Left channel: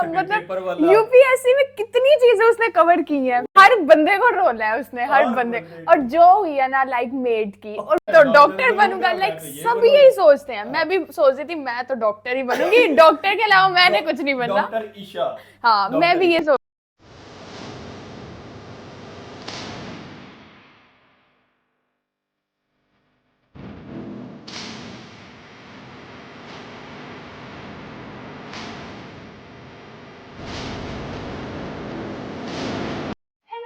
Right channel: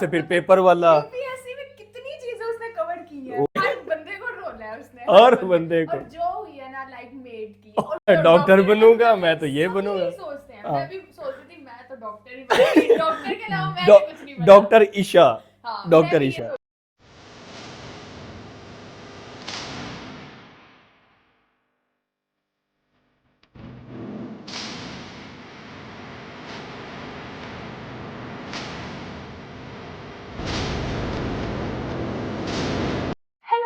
से फिर पेपर वाला। यूपीएससी में कितनी चीजें उसने कवर की है, हर बंदे को रोल है उसने, हर बंदे को। और जो हुई है ना लाइक मेड की, और तो डॉक्टर बनूंगा, मैं तो ये बनूंगा, सभी यही सोचते हैं। मैं भी सोच रही थी मैं तो डॉक्टर ही बनूंगी, डॉक्टर के अलावा मैंने कुछ नहीं बना। डॉक्टर ईशा। हाँ, मैं भी ये सोच।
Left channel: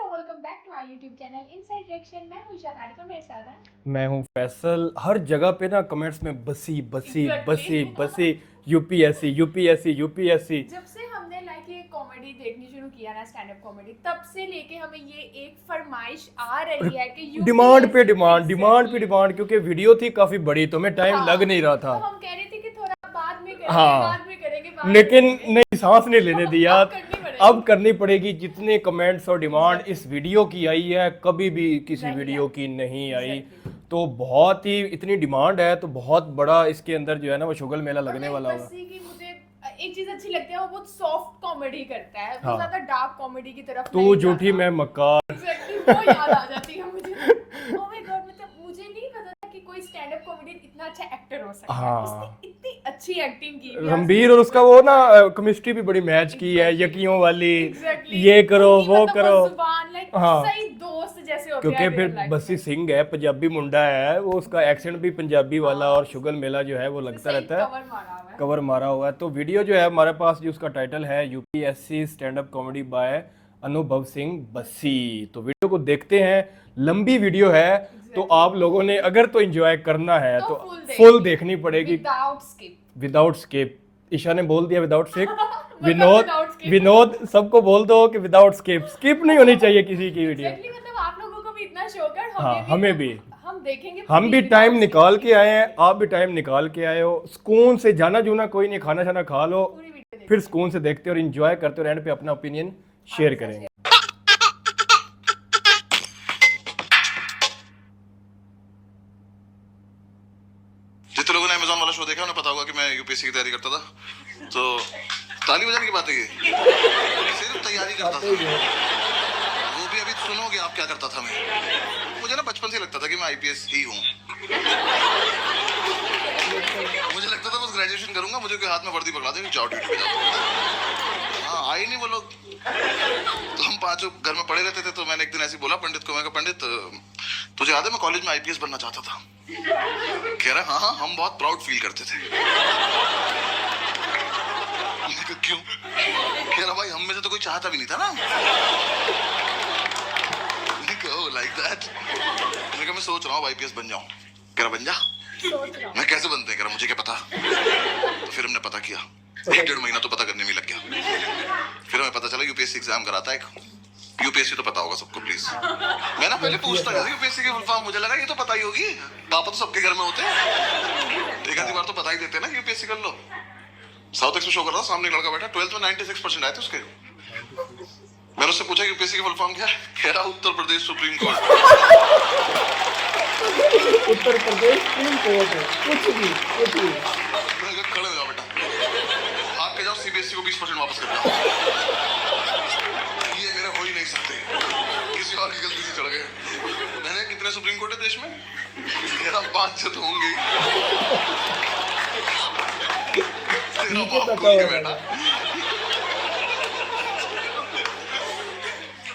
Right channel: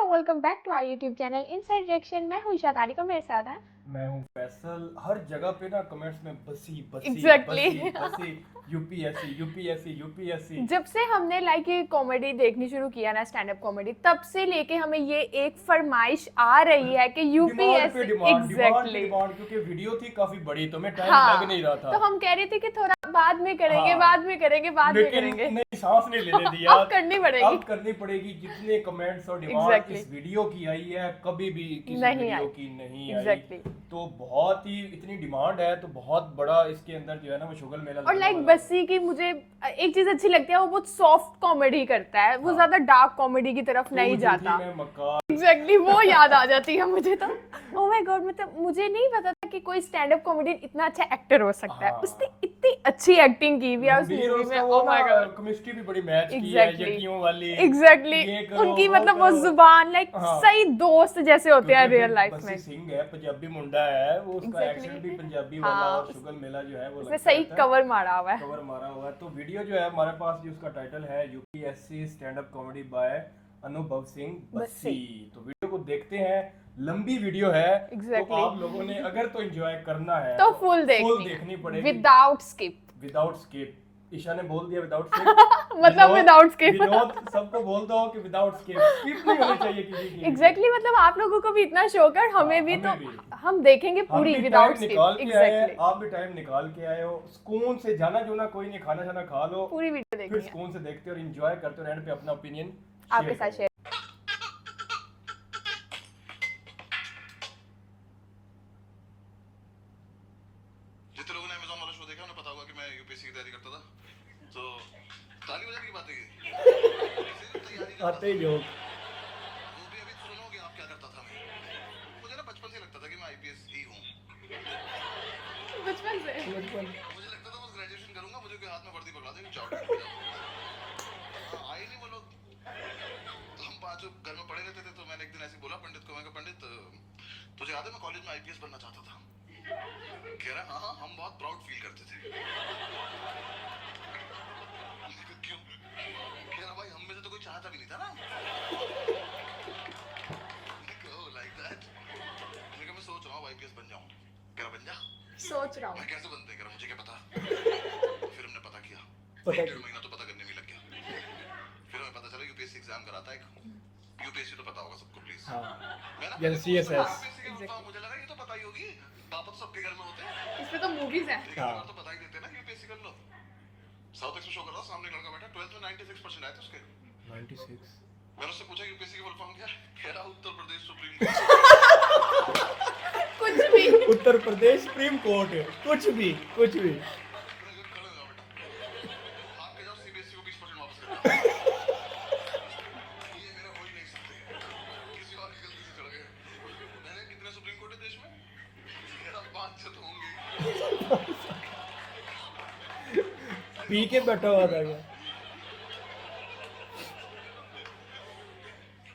Welcome back to our YouTube channel inside reaction. मैं हूं ईशा तारिक और मेरे साथ है मैं हूं फैसल। हर जगह पे ना कमेंट्स में बसी बसी Exactly. बसी बसी यूपीएससी यूपीएससी यूपीएससी। जब से हमने लाइक ये कॉमेडी देखनी शुरू किया ना, स्टैंड अप कॉमेडी, तब से लेके हमें ये एक फरमाइश आ रही है कि यूपीएससी डिमांड पे डिमांड, डिमांड पे डिमांड, क्योंकि वीडियो थी काफी बड़ी तो हमें टाइम लग नहीं रहा था। तो हम कह रहे थे कि थोड़ा बाद में करेंगे, बाद में करेंगे, बाद में लेकिन करेंगे। नहीं, सांस नहीं लेने दिया। अब करनी पड़ेगी। जितने कमेंट्स और डिमांड इस वीडियो की आई है, कभी भी किसी वीडियो की नहीं आई। तो बहुत ही इतनी डिमांड है, तो बहुत बड़ा इसके अंदर जो है ना वो शुगल मेला लगने वाला है। बस्सी की मुझे एक चीज अच्छी लगती है, वो बहुत सॉफ्ट कॉमेडी करता है, वो ज्यादा डार्क कॉमेडी की तरफ नहीं जाता। तू झूठी मैं मक्कार। एग्जैक्टली, वो याद आ जाती है मुझे तो। ओह माय गॉड, मतलब मुझे नहीं पता था कि कोई स्टैंड अप कॉमेडियन इतना अच्छा एक्टर हो सकता है। उसने इतनी अच्छी एक्टिंग की भी, रणबीर, और उसका वो ना केमिस्ट्री भी बड़ी मैच की है, यकियों वाली। एग्जैक्टली, ये करो वो मतलब करो, वो जुबान लाइक सही दोस्त जैसे होते हैं रियल लाइफ में। बस्सी सिंह है, पंजाबी मुंडा है, वो उसका एक्सेंट भी पंजाबी वाला, और शुगल मेला जो है वो लगता रहता है, कवर मारा हुआ है, कवर मारा हुआ है। तो वीडियो जो है हमारे पास, जो उसका टाइटल है UPSC stand up comedy bye अनुभव सिंह बस्सी। तो वीडियो को देखते हैं। लंबी वीडियो है, तो आप लोगों ने अगर तो एंजॉय करना है तो फुल देखनी पड़ेगी, विदाउट स्किप। ईशा ने बोल दिया विदाउट स्किप। विनोद सबको बोल दो कि विदाउट स्किप नहीं होनी चाहिए किसी की। एग्जैक्टली, मतलब आप लोगों को भी इतना शौक है, हमें भी हम देखेंगे, हम भी टाइम निकाल के आए हैं, आप भी टाइम निकाल के आए हो। सुकून से जाना जूना कोई नहीं, खाना शाना खा लो, फिर सुकून से देखते और एंजॉय करते हो, एंड पे अपना ओपिनियन शेयर करेंगे। जितने लोगों ने अमेज़न वाला शो देखा उन्हें पता होगा कि मैं यूपीएससी की तैयारी करता था। तो ताली बजाने की बात है, ये सिर्फ तैयारी करता था। वो भी अभी सुनोगे आप क्या करता था मैं। मुझे ना बचपन से लगता था कि मैं आईपीएस ही हूँ। मुझे लगता था बस ग्रेजुएशन करूंगा, मुझे कोई हाथ में वर्दी पकड़ा देंगे, जाओ ड्यूटी पे जाओ। हाँ, आई नहीं वो लोग। तो हम पांचों घर में पड़े रहते थे। तो मैंने एक दिन ऐसे बोला पंडित को, मैं कहा पंडित तुझे याद है मैं कॉलेज में आईपीएस बनना चाहता था। कह रहा हाँ हाँ, हम बहुत प्राउड फील करते थे। क्यों? कह रहा भाई हम में से तो कोई चाहता भी नहीं था ना। Like that. मैं सोच रहा हूँ आईपीएस बन जाऊं। कह रहा बन जा। मैं कैसे बनते हैं? कह रहा मुझे क्या पता। तो फिर हमने पता किया, 1-1.5 महीना तो पता करने में लग गया। फिर हमें पता चला यूपीएससी एग्जाम कराता है। यूपीएससी तो पता होगा सबको प्लीज। मैं ना पहले पूछता था यूपीएससी की फुल फॉर्म, मुझे लगा ये तो पता ही होगी, पापा तो सबके घर में होते हैं, एक आधी बार तो पता ही देते ना यूपीएससी कर लो। साउथ एक्स में शो कर रहा था, सामने लड़का बैठा, 12th में 96% आए थे उसके। मैंने उससे पूछा यूपीएससी की फुल फॉर्म क्या है? कह रहा Uttar Pradesh supreme court. Uttar Pradesh supreme court, कुछ भी। खड़े हो जाओ बेटा, भाग के जाओ, सीबीएसई को 20% वापस कर दो। ये मेरे हो ही नहीं सकते, किसी और की गलती से चढ़ गए। मैंने कितने सुप्रीम कोर्ट है देश में? मेरा 5-6 तो होंगे ही। बेटा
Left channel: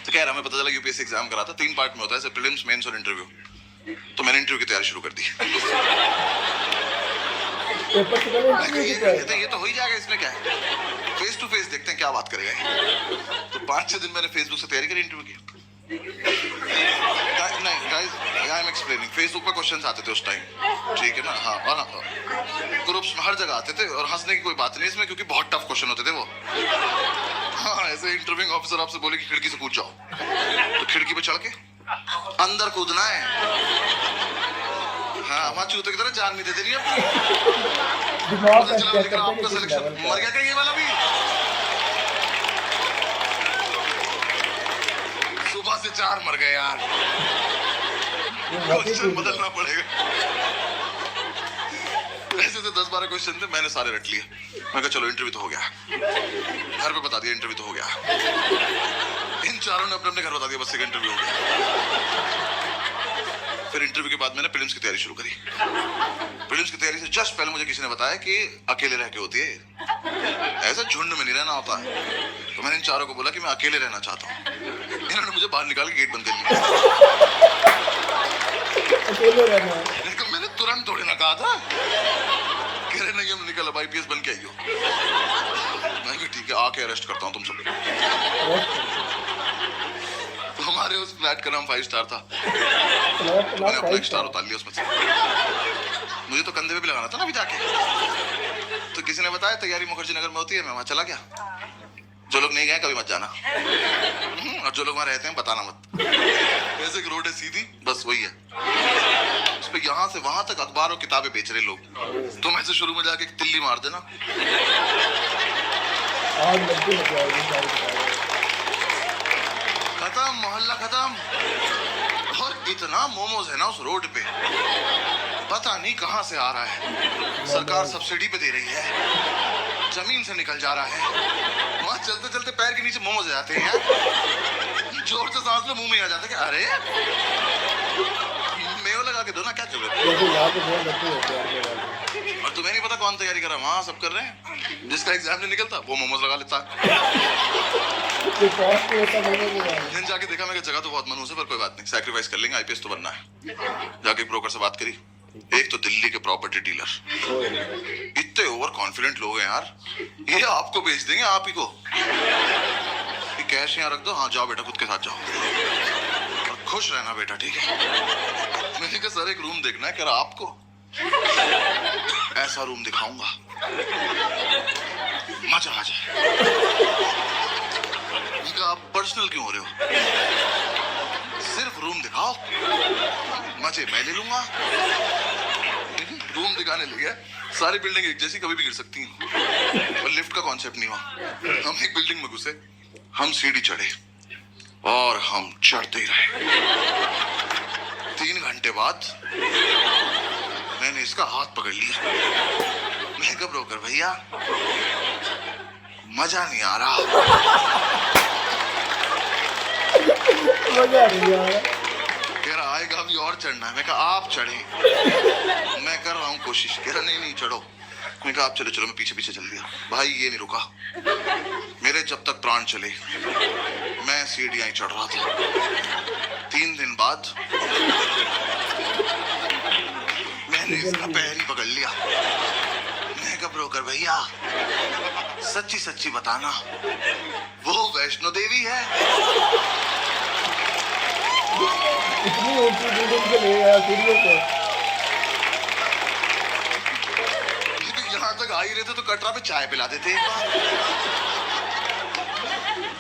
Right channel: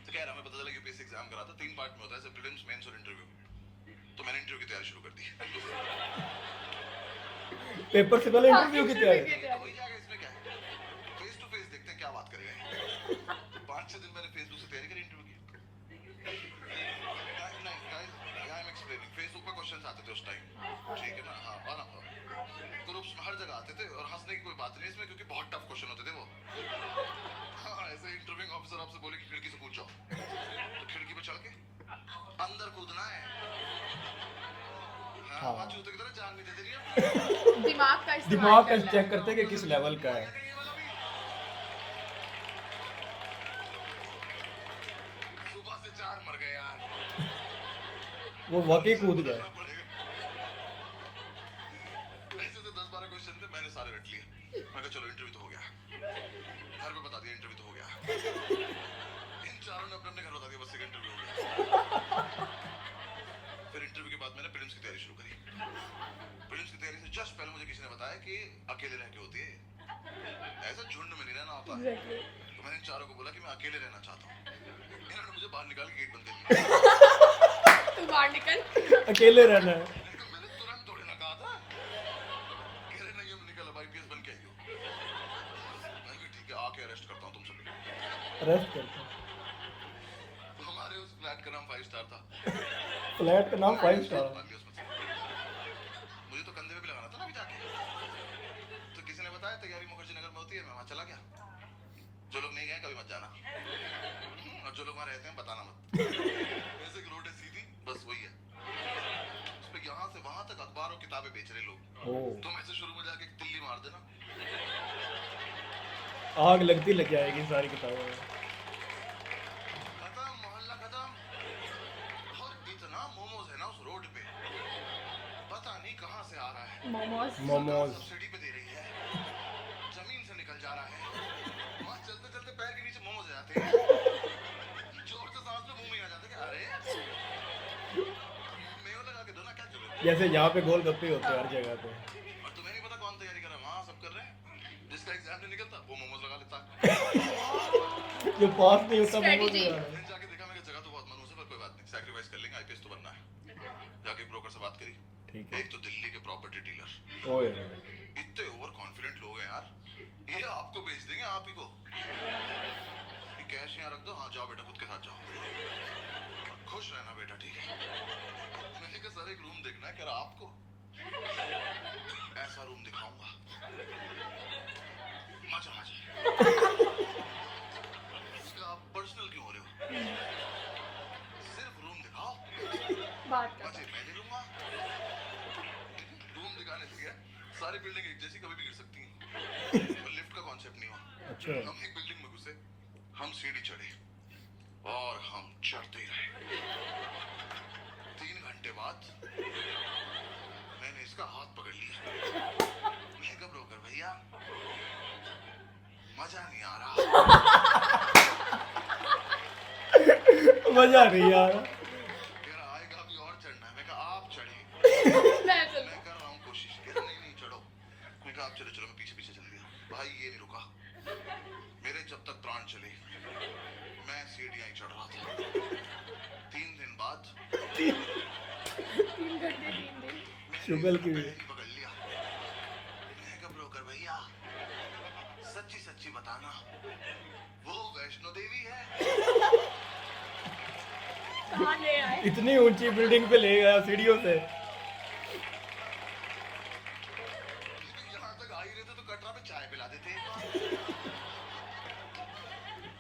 तो कह रहा मैं पता चला यूपीएससी एग्जाम करा था, 3 पार्ट में होता है, जैसे प्रीलिम्स, मेंस और इंटरव्यू। तो मैंने इंटरव्यू की तैयारी शुरू कर दी। ये तो हो ही जाएगा, इसमें क्या है, फेस टू फेस देखते हैं क्या बात करेगा। तो 5-6 दिन मैंने फेसबुक से तैयारी करी इंटरव्यू की। नहीं guys, I am explaining. Facebook पे क्वेश्चंस आते थे उस टाइम, ठीक है ना। हाँ, और ग्रुप्स में हर जगह आते थे, और हंसने की कोई बात नहीं इसमें, क्योंकि बहुत टफ क्वेश्चन होते थे वो। हाँ, ऐसे इंटरव्यूइंग ऑफिसर आपसे बोले कि खिड़की से कूद जाओ, तो खिड़की पे चढ़ के अंदर कूदना है। हाँ, वहाँ चूते की तरह जान नहीं दे देनी अपनी। आपका सिलेक्शन मर गया क्या ये वाला भी? सुबह से 4 मर गए यार, बदलना पड़ेगा। ऐसे तो 10 10-12 क्वेश्चन थे, मैंने सारे रट लिए। मैं कहा चलो इंटरव्यू तो हो गया, घर पे बता दिया इंटरव्यू तो हो गया। इन चारों ने अपने अपने घर बता दिया बस एक इंटरव्यू हो गया। फिर इंटरव्यू के बाद मैंने प्रीलिम्स की तैयारी शुरू करी। प्रीलिम्स की तैयारी से जस्ट पहले मुझे किसी ने बताया कि अकेले रह के होती है, ऐसा झुंड में नहीं रहना होता है। तो मैंने इन चारों को बोला कि मैं अकेले रहना चाहता हूँ। इन्होंने मुझे बाहर निकाल के गेट बंद कर लिया। अकेले रहना है। लेकिन मैंने तुरंत थोड़ी ना कहा था, कह रहे नहीं हम निकल अब IPS बन के आई हो। मैं भी ठीक है आके अरेस्ट करता हूँ तुम सब। तो हमारे उस फ्लैट का नाम 5 स्टार था। मैंने अपना एक स्टार उतार लिया उसमें से। मुझे तो कंधे पे भी लगाना था ना अभी जाके। तो किसी ने बताया तैयारी मुखर्जी नगर में होती है, मैं वहां चला गया। जो लोग नहीं गए कभी मत जाना, और जो लोग वहां रहते हैं बताना मत। ऐसे एक रोड है सीधी, बस वही है। उस पे यहाँ से वहां तक अखबार और किताबें बेच रहे लोग। तुम ऐसे शुरू में जाके एक तिल्ली मार देना, खत्म, मोहल्ला खत्म। और इतना मोमोज है ना उस रोड पे, पता नहीं कहां से आ रहा है। सरकार सब्सिडी पे दे रही है, जमीन से निकल जा रहा है। वहां चलते चलते पैर के नीचे मोमोज आ जाते हैं यार। जोर से सांस लो मुंह में आ जाता है कि अरे मेयो लगा के दो ना, क्या कर रहे हो? जैसे यहाँ पे बहुत बच्चे होते हैं। और तुम्हें नहीं पता कौन तैयारी कर रहा है, वहां सब कर रहे हैं। जिसका एग्जाम नहीं निकलता वो मोमोज लगा लेता। दिन जाके देखा मैं जगह तो बहुत मनहूस है, पर कोई बात नहीं, सैक्रिफाइस कर लेंगे, IPS तो बनना है। जाके ब्रोकर से बात करी। एक तो दिल्ली के प्रॉपर्टी डीलर इतने ओवर कॉन्फिडेंट लोग हैं यार, ये आपको बेच देंगे आप ही को। कैश यहाँ रख दो, हाँ जाओ बेटा खुद के साथ जाओ और खुश रहना बेटा, ठीक है। मैंने कहा सर एक रूम देखना है, कह रहा आपको ऐसा रूम दिखाऊंगा मजा आ जाए। आप पर्सनल क्यों हो रहे हो, सिर्फ रूम दिखाओ, मजे मैं ले लूंगा। रूम दिखाने लगे, सारी बिल्डिंग एक जैसी कभी भी गिर सकती हैं, और लिफ्ट का कॉन्सेप्ट नहीं हुआ। हम एक बिल्डिंग में घुसे, हम सीढ़ी चढ़े और हम चढ़ते ही रहे। 3 घंटे बाद मैंने इसका हाथ पकड़ लिया। मैं कब ब्रोकर भैया मजा नहीं आ रहा, मजा नहीं आ रहा। कह रहा आएगा अभी और चढ़ना है। मैं कहा आप चढ़े, मैं कर रहा हूँ कोशिश। कह रहा नहीं चढ़ो। मैं कहा आप चलो चलो, मैं पीछे पीछे चल दिया। भाई ये नहीं रुका, मेरे जब तक प्राण चले मैं सीढ़ियां ही चढ़ रहा था। 3 दिन बाद मैंने इसका पैर ही पकड़ लिया। मैं कहा ब्रोकर भैया सच्ची सच्ची बताना वो वैष्णो देवी है? इतनी ऊंची बिल्डिंग पे ले गया सीढ़ियों पे। यहाँ तक आ ही रहे थे तो कटरा पे चाय पिला देते।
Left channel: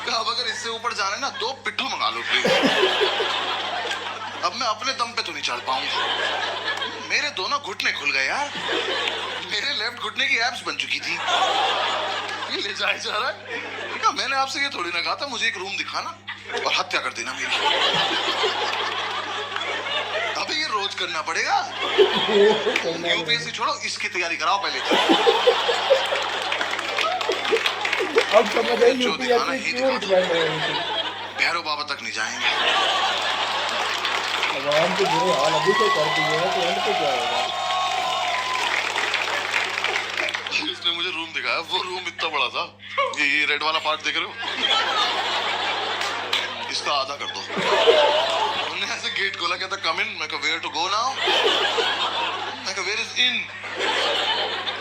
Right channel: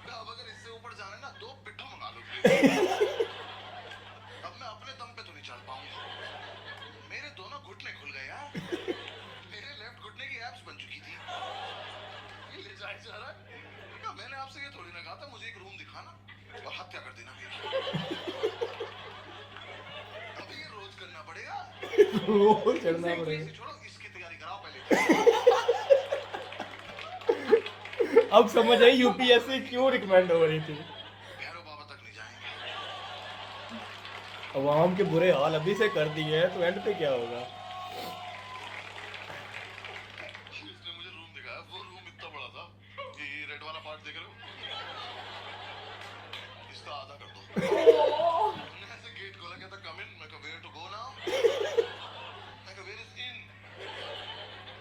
अब अगर इससे ऊपर जाने ना 2 पिट्ठू मंगा लो प्लीज। अब मैं अपने दम पे तो नहीं चढ़ पाऊंगा, मेरे दोनों घुटने खुल गए यार। मेरे लेफ्ट घुटने की एब्स बन चुकी थी। ये ले जाए जा रहा है। मैंने आपसे ये थोड़ी ना कहा था मुझे एक रूम दिखाना और हत्या कर देना मेरी। अबे ये रोज करना पड़ेगा। UPSC छोड़ो, इसकी तैयारी कराओ पहले। अब समझ आई UPSC क्यों रिकमेंड है। भैरव बाबा तक नहीं जाएंगे। आवाम के बुरे हाल अभी से कर दिए हैं, तो एंड पे क्या होगा। उसने मुझे रूम दिखाया, वो रूम इतना बड़ा था, ये रेड वाला पार्ट देख रहे हो, इसका आधा कर दो। उन्होंने ऐसे गेट खोला, कहता कम इन। मैं कहा वेयर टू गो नाउ? मैं कहा वेयर इज इन?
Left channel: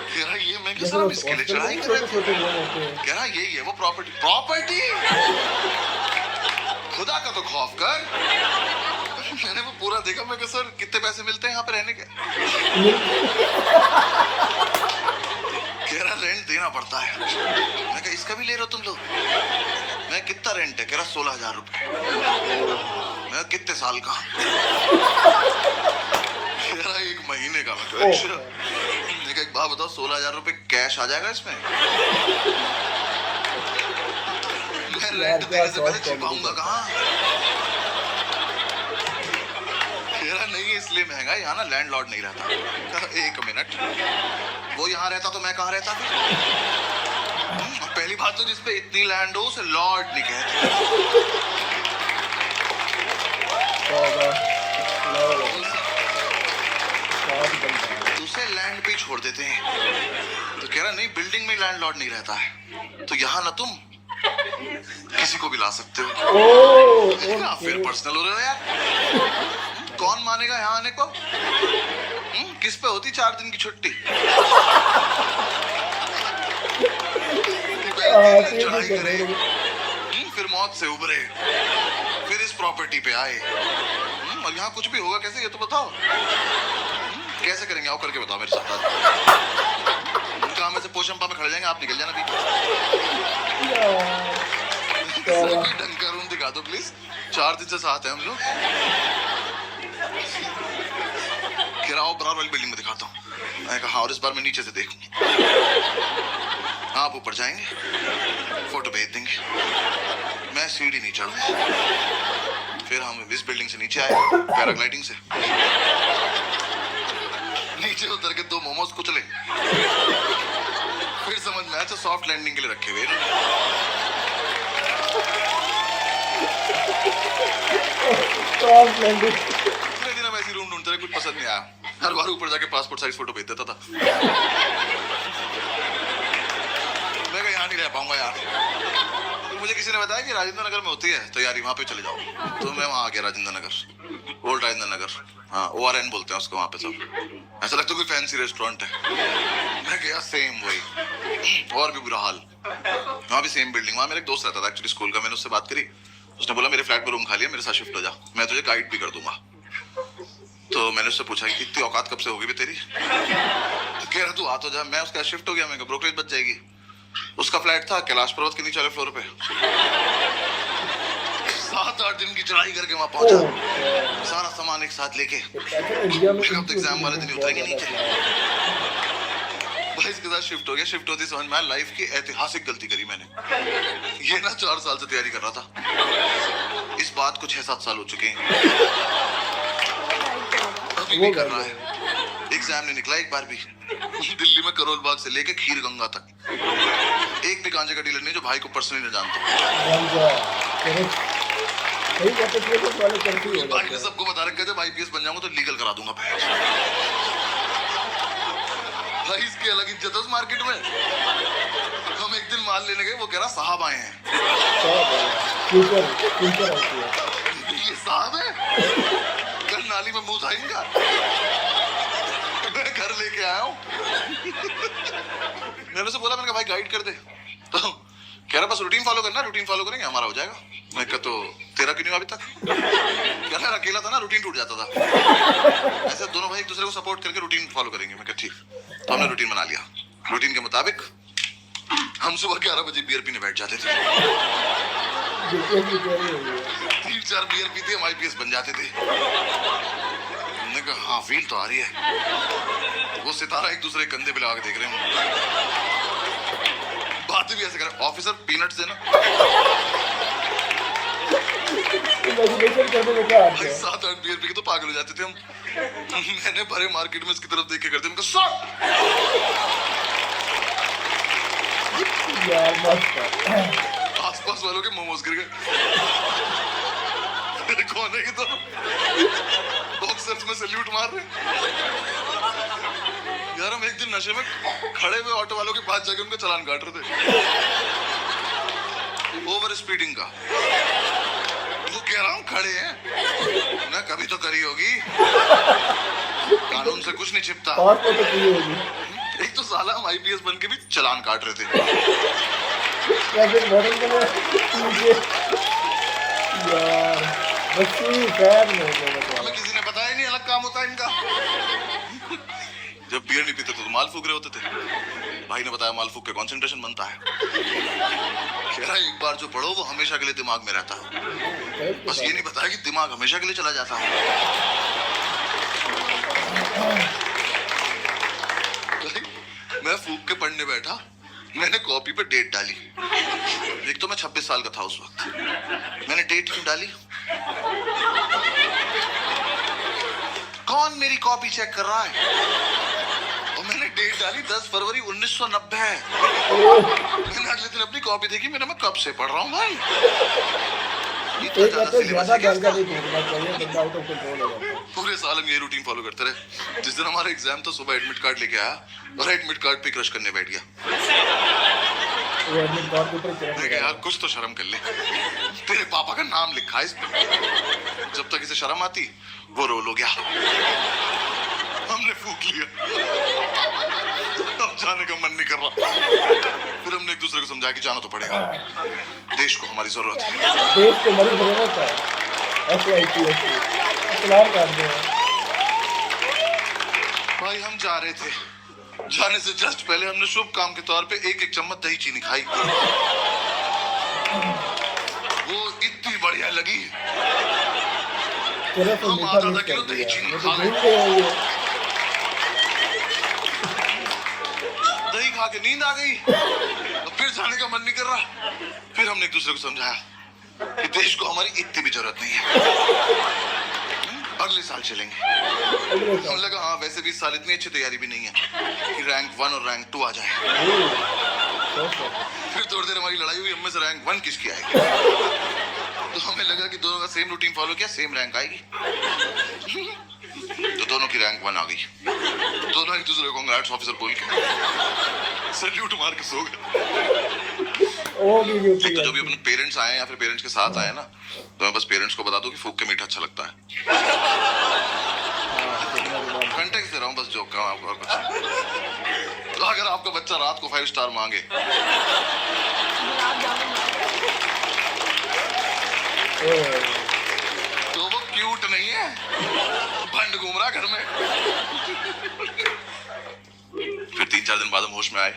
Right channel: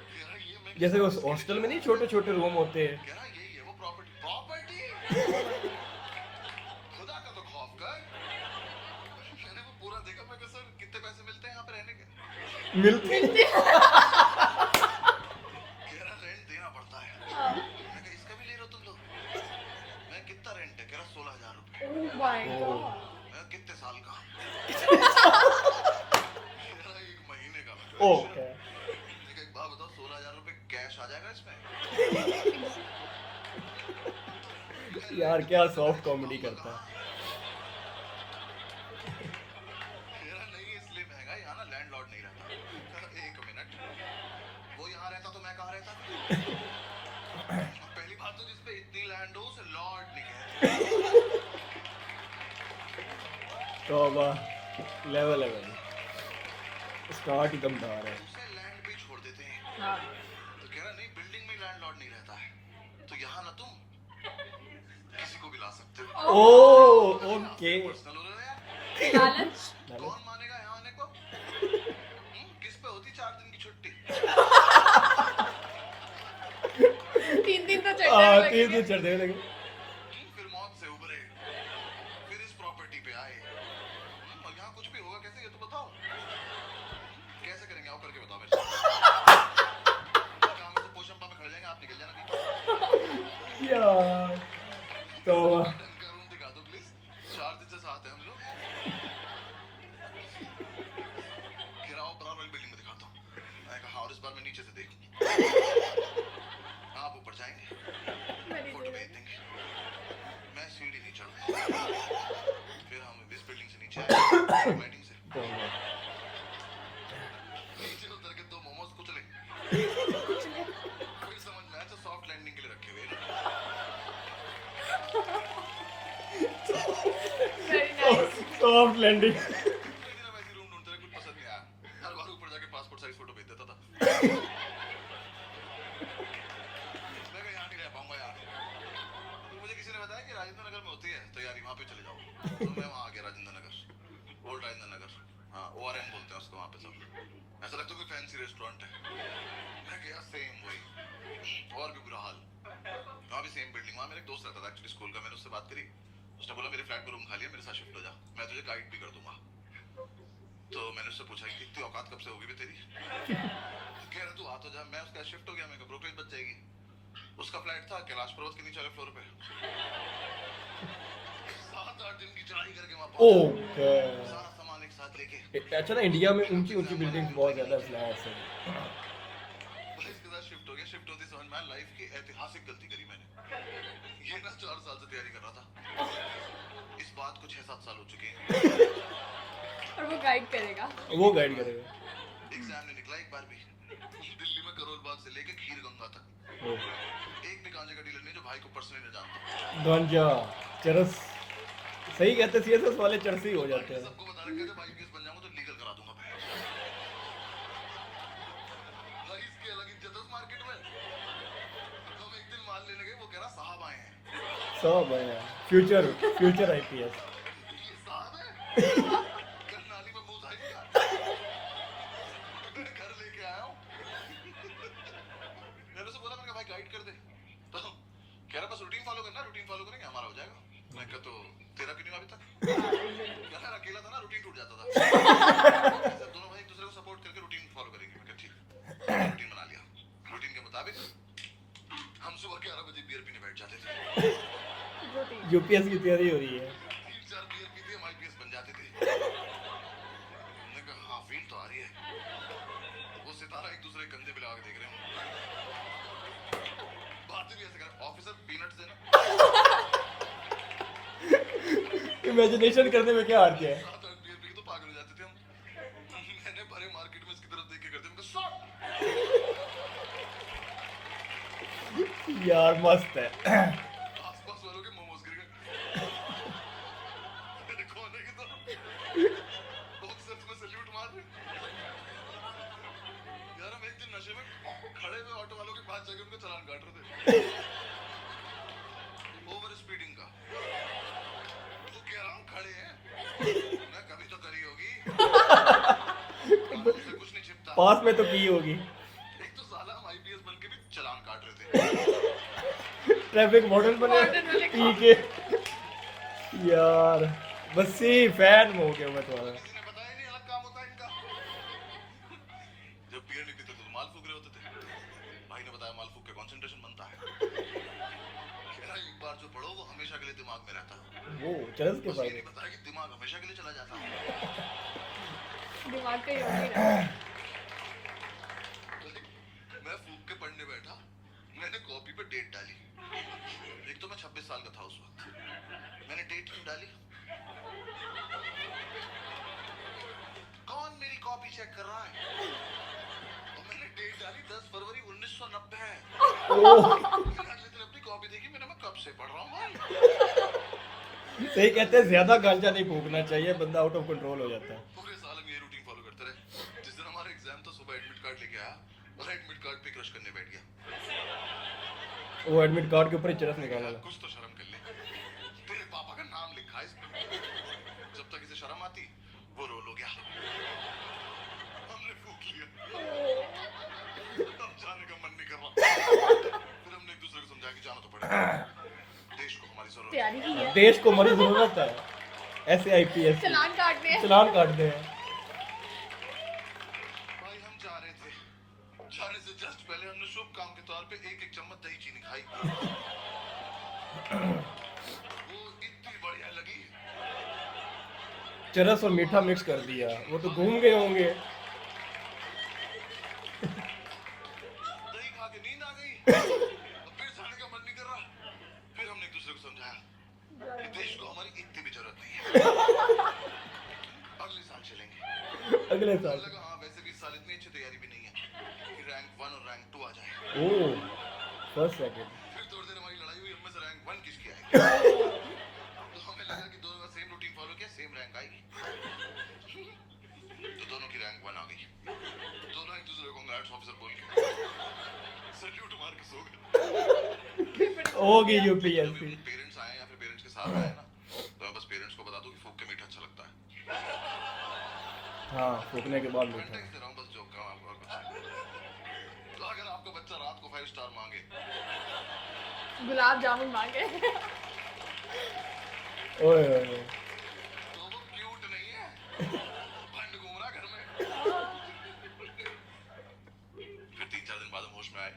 कह रहा ये मैं किस तरह इसके लिए चढ़ाई कर रहे थे? कह रहा यही है वो प्रॉपर्टी। प्रॉपर्टी खुदा का तो खौफ कर। मैंने वो पूरा देखा। मैं कहा सर कितने पैसे मिलते हैं यहाँ पे रहने के? कह रहा रेंट देना पड़ता है। मैं कहा इसका भी ले रहे हो तुम लोग? मैं कितना रेंट है? कह रहा 16,000 रुपए। मैं कितने साल का? कह रहा 1 महीने का। मैं अच्छा। एक बात बताओ 16,000 रुपए कैश आ जाएगा इसमें? मैं रेंट देने से पहले छिपाऊंगा कहाँ? कह रहा नहीं इसलिए महंगा है, यहाँ ना लैंडलॉर्ड नहीं रहता। एक मिनट, वो यहाँ रहता तो मैं कहाँ रहता फिर? और पहली बात तो जिसपे इतनी लैंड हो उसे लॉर्ड नहीं कहते। उसे लैंड पे ही छोड़ देते हैं। तो कह रहा नहीं, बिल्डिंग में लैंडलॉर्ड नहीं रहता है, तो यहाँ ना तुम किसी को भी ला सकते हो। फिर पर्सनल हो रहे हो यार। कौन मानेगा यहाँ आने को? किस पे होती 4 दिन की छुट्टी? फिर मौत से उबरे, फिर इस प्रॉपर्टी पे आए। और यहाँ कुछ भी होगा कैसे, ये तो बताओ। कैसे करेंगे, आओ करके बताओ मेरे साथ। काम में से पोशंपा में खड़े जाएंगे, आप निकल जाना। ढंग का रूम दिखा दो प्लीज, 4 दिन से साथ हैं हम लोग। किराओ बराबर वाली बिल्डिंग में दिखाता हूँ। मैंने कहा और इस बार मैं नीचे से देखूं। आप ऊपर जाएंगे, फोटो भेज देंगे, मैं सीढ़ी नहीं चढ़ूंगा। फिर हम इस बिल्डिंग से नीचे आए पैराग्लाइडिंग से, नीचे उतर के 2 मोमोज कुचले। फिर समझ में आया तो सॉफ्ट लैंडिंग के लिए रखे हुए। Soft landing. इतने दिन हम ऐसी रूम ढूंढते रहे, कुछ पसंद नहीं आया। हर बार ऊपर जाके पासपोर्ट साइज फोटो भेज देता था। मैं कहा यहाँ नहीं रह पाऊंगा यार। तो मुझे किसी ने बताया कि राजेंद्र नगर में होती है तैयारी, वहाँ पे चले जाओ। तो मैं वहाँ आ गया, राजेंद्र नगर, ओल्ड राजेंद्र नगर। हाँ, ORN बोलते हैं उसको वहाँ पे सब। ऐसा लगता है कोई फैंसी रेस्टोरेंट है। मैं गया, सेम वही, और भी बुरा हाल। वहाँ भी सेम बिल्डिंग। वहाँ मेरा एक दोस्त रहता था एक्चुअली स्कूल का। मैंने उससे बात करी, उसने बोला मेरे फ्लैट में रूम खाली है, मेरे साथ शिफ्ट हो जा, मैं तुझे गाइड भी कर दूंगा। तो मैंने उससे पूछा कि इतनी औकात कब से होगी भी तेरी? तो कह रहा तू आ तो जा। मैं उसका शिफ्ट हो गया, मैं ब्रोकरेज बच जाएगी। उसका फ्लैट था कैलाश पर्वत के नीचे वाले फ्लोर पे। 7-8 दिन की चढ़ाई करके वहां पहुंचा, सारा सामान एक साथ लेके। इंडिया में एग्जाम वाले दिन उतरेंगे नीचे। भाई इसके साथ शिफ्ट हो गया। शिफ्ट होती समझ में आया लाइफ की ऐतिहासिक गलती करी मैंने। ये ना 4 साल से तैयारी कर रहा था, इस बात को 6-7 साल हो चुके हैं। अभी भी कर रहा है। एग्जाम नहीं निकला एक बार भी। दिल्ली में करोल बाग से लेके खीर गंगा तक एक भी गांजे का डीलर नहीं जो भाई को पर्सनली न जानता। सही कहते थे तो वाले चलती हो भाई ने सबको बता रखा है जब IPS बन जाऊंगा तो लीगल करा दूंगा। भाई इसकी अलग इज्जत है उस मार्केट में। हम एक दिन माल लेने गए, वो कह रहा साहब आए हैं। फ्यूचर ये साहब है? कल नाली में मुंह धाएंगा। मैं घर लेके आया हूँ। मैंने उसे बोला, मैंने कहा भाई गाइड कर दे। तो कह रहा बस रूटीन फॉलो करना, रूटीन फॉलो करेंगे हमारा हो जाएगा। मैं कहा तो तेरा क्यों नहीं अभी तक? कह रहा अकेला था ना, रूटीन टूट जाता था। ऐसे दोनों भाई एक दूसरे को सपोर्ट करके रूटीन फॉलो करेंगे। मैं कहा ठीक। तो हमने रूटीन बना लिया। रूटीन के मुताबिक हम सुबह 11 बजे बियर पीने बैठ जाते थे। 3-4 बियर पीते हम IPS बन जाते थे। हमने कहा हाँ फील तो आ रही है। वो सितारा एक दूसरे कंधे पे लगा के देख रहे हैं। बातें भी ऐसे कर, ऑफिसर पीनट्स देना। इमेजिनेशन करने में क्या आता है? 7-8 बियर पी के तो पागल हो जाते थे हम। मैंने भरे मार्केट में इसकी तरफ देख के करते उनका शॉट। यार मस्त है। आसपास वालों के मोमोज गिर गए। कौन है ये तो? बॉक्सर्स में सैल्यूट मार रहे। यार हम एक दिन नशे में खड़े हुए ऑटो वालों के पास जाके उनका चालान काट रहे थे, ओवर स्पीडिंग का। वो कह रहा हूँ खड़े हैं ना, कभी तो करी होगी, कानून से कुछ नहीं छिपता। तो की होगी। एक तो साला हम IPS बन के भी चालान काट रहे थे। ट्रैफिक मॉडल बने नीचे। यार बच्ची फैन हो गए। हमें किसी ने बताया नहीं अलग काम होता है इनका। जब बियर नहीं पीते तो माल फूक रहे होते थे। भाई ने बताया माल फूक के कंसंट्रेशन बनता है। कह रहा एक बार जो पढ़ो वो हमेशा के लिए दिमाग में रहता है। बस ये नहीं बताया कि दिमाग हमेशा के लिए चला जाता है। मैं फूक के पढ़ने बैठा, मैंने कॉपी पे डेट डाली। एक तो मैं 26 साल का था उस वक्त। मैंने डेट क्यों डाली? कौन कौन मेरी कॉपी चेक कर रहा है? और मैंने डेट डाली 10 फरवरी 1990। मैंने अगले दिन अपनी कॉपी देखी, मैं कब से पढ़ रहा हूँ भाई। एक कहते ज्यादा गांजा नहीं फेंकना चाहिए, बंदा आउट ऑफ कंट्रोल हो जाता है। पूरे साल हम ये रूटीन फॉलो करते रहे। जिस दिन हमारा एग्जाम था, सुबह एडमिट कार्ड लेके आया और एडमिट कार्ड पे क्रश करने बैठ गया। वो एडमिट कार्ड के ऊपर चढ़ मैं कहा यार कुछ तो शर्म कर ले, तेरे पापा का नाम लिखा है इस पे। जब तक इसे शर्म आती वो रोल हो गया, हमने फूक लिया। अब जाने का मन नहीं कर रहा। फिर हमने एक दूसरे को समझाया कि जाना तो पड़ेगा, देश को हमारी जरूरत है। देश को हमारी जरूरत है। इस्लाम का दे भाई हम जा रहे थे, जाने से जस्ट पहले हमने शुभ काम के तौर पे एक चम्मच दही चीनी खाई। वो इतनी बढ़िया लगी, चलो तो मीठा मिक्स कर दिया। मैं तो भूल गया हूँ ये। दही खा के नींद आ गई, और फिर जाने का मन नहीं कर रहा। फिर हमने एक दूसरे को समझाया कि देश को हमारी इतनी भी जरूरत नहीं है, अगले साल चलेंगे। हम लगा हाँ वैसे भी इस साल इतनी अच्छी तैयारी भी नहीं है कि रैंक 1 और रैंक 2 आ जाए। फिर थोड़ी देर हमारी लड़ाई हुई, हमें से रैंक 1 किसकी आएगी। तो हमें लगा कि दोनों का सेम रूटीन फॉलो किया, सेम रैंक आएगी। तो दोनों की रैंक 1 आ गई। दोनों एक दूसरे को कांग्रेट्स ऑफिसर बोल के सैल्यूट मार के सो गए। एक तो जब भी अपने पेरेंट्स आए या फिर पेरेंट्स के साथ आए ना, तो मैं बस पेरेंट्स को बता दूं कि फूक के मीठा अच्छा लगता है। कंटेक्स्ट दे रहा हूँ बस जोक का आपको, और कुछ। तो अगर आपका बच्चा रात को 5 स्टार मांगे तो वो क्यूट नहीं है, भंड घूम रहा घर में। फिर 3-4 दिन बाद हम होश में आए,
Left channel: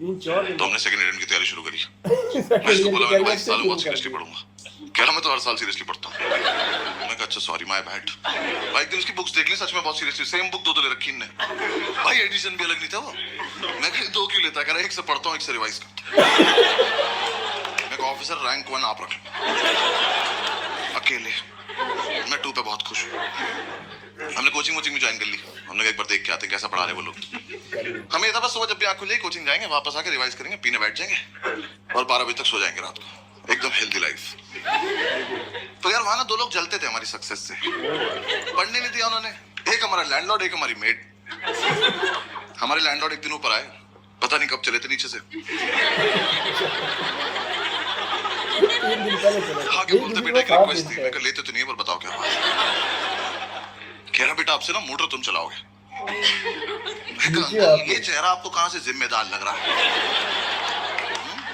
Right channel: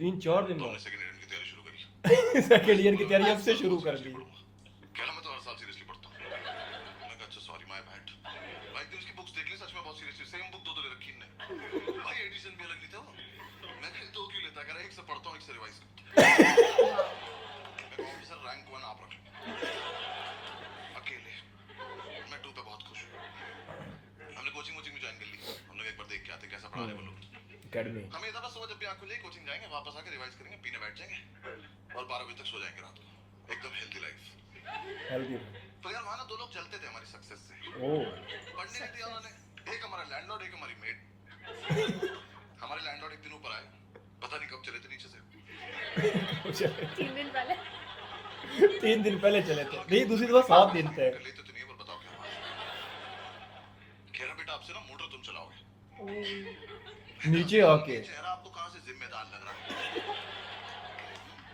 3-4 तो हमने सेकंड एडिशन की तैयारी शुरू करी। मैं इसको बोला मैं इस साल बहुत सीरियसली पढ़ूंगा। कह रहा मैं तो हर साल सीरियसली पढ़ता हूँ। मैं कहा अच्छा सॉरी माय बैड। भाई एक दिन उसकी बुक्स देख ली, सच में बहुत सीरियसली सेम बुक 2 ले रखी इनने। भाई एडिशन भी अलग नहीं था वो। मैं कहा 2 क्यों लेता, कह रहा एक से पढ़ता हूँ एक से रिवाइज करता हूँ। मैं कहा ऑफिसर रैंक 1 आप रख लो अकेले, मैं 2 पे बहुत खुश हूँ। हमने कोचिंग में ज्वाइन कर ली। हमने एक बार देख के आते हैं कैसा पढ़ा रहे वो लोग। हमें था बस सुबह जब भी आंख खुले कोचिंग जाएंगे, वापस आके रिवाइज करेंगे, पीने बैठ जाएंगे और 12 बजे तक सो जाएंगे रात को। एकदम हेल्दी लाइफ। तो यार वहां ना 2 लोग जलते थे हमारी सक्सेस से। पढ़ने नहीं दिया उन्होंने, एक हमारा लैंडलॉर्ड, एक हमारी मेड। हमारे लैंडलॉर्ड एक दिन ऊपर आए, पता नहीं कब चले थे नीचे से। 3 दिन पहले चले थे। आगे बोलते बेटा क्या रिक्वेस्ट थी, मैं कहा लेते तो नहीं है पर बताओ क्या बात है। कह रहा बेटा आपसे ना मोटर तुम चलाओगे। नीचे आके ये चेहरा आपको कहाँ से जिम्मेदार लग रहा है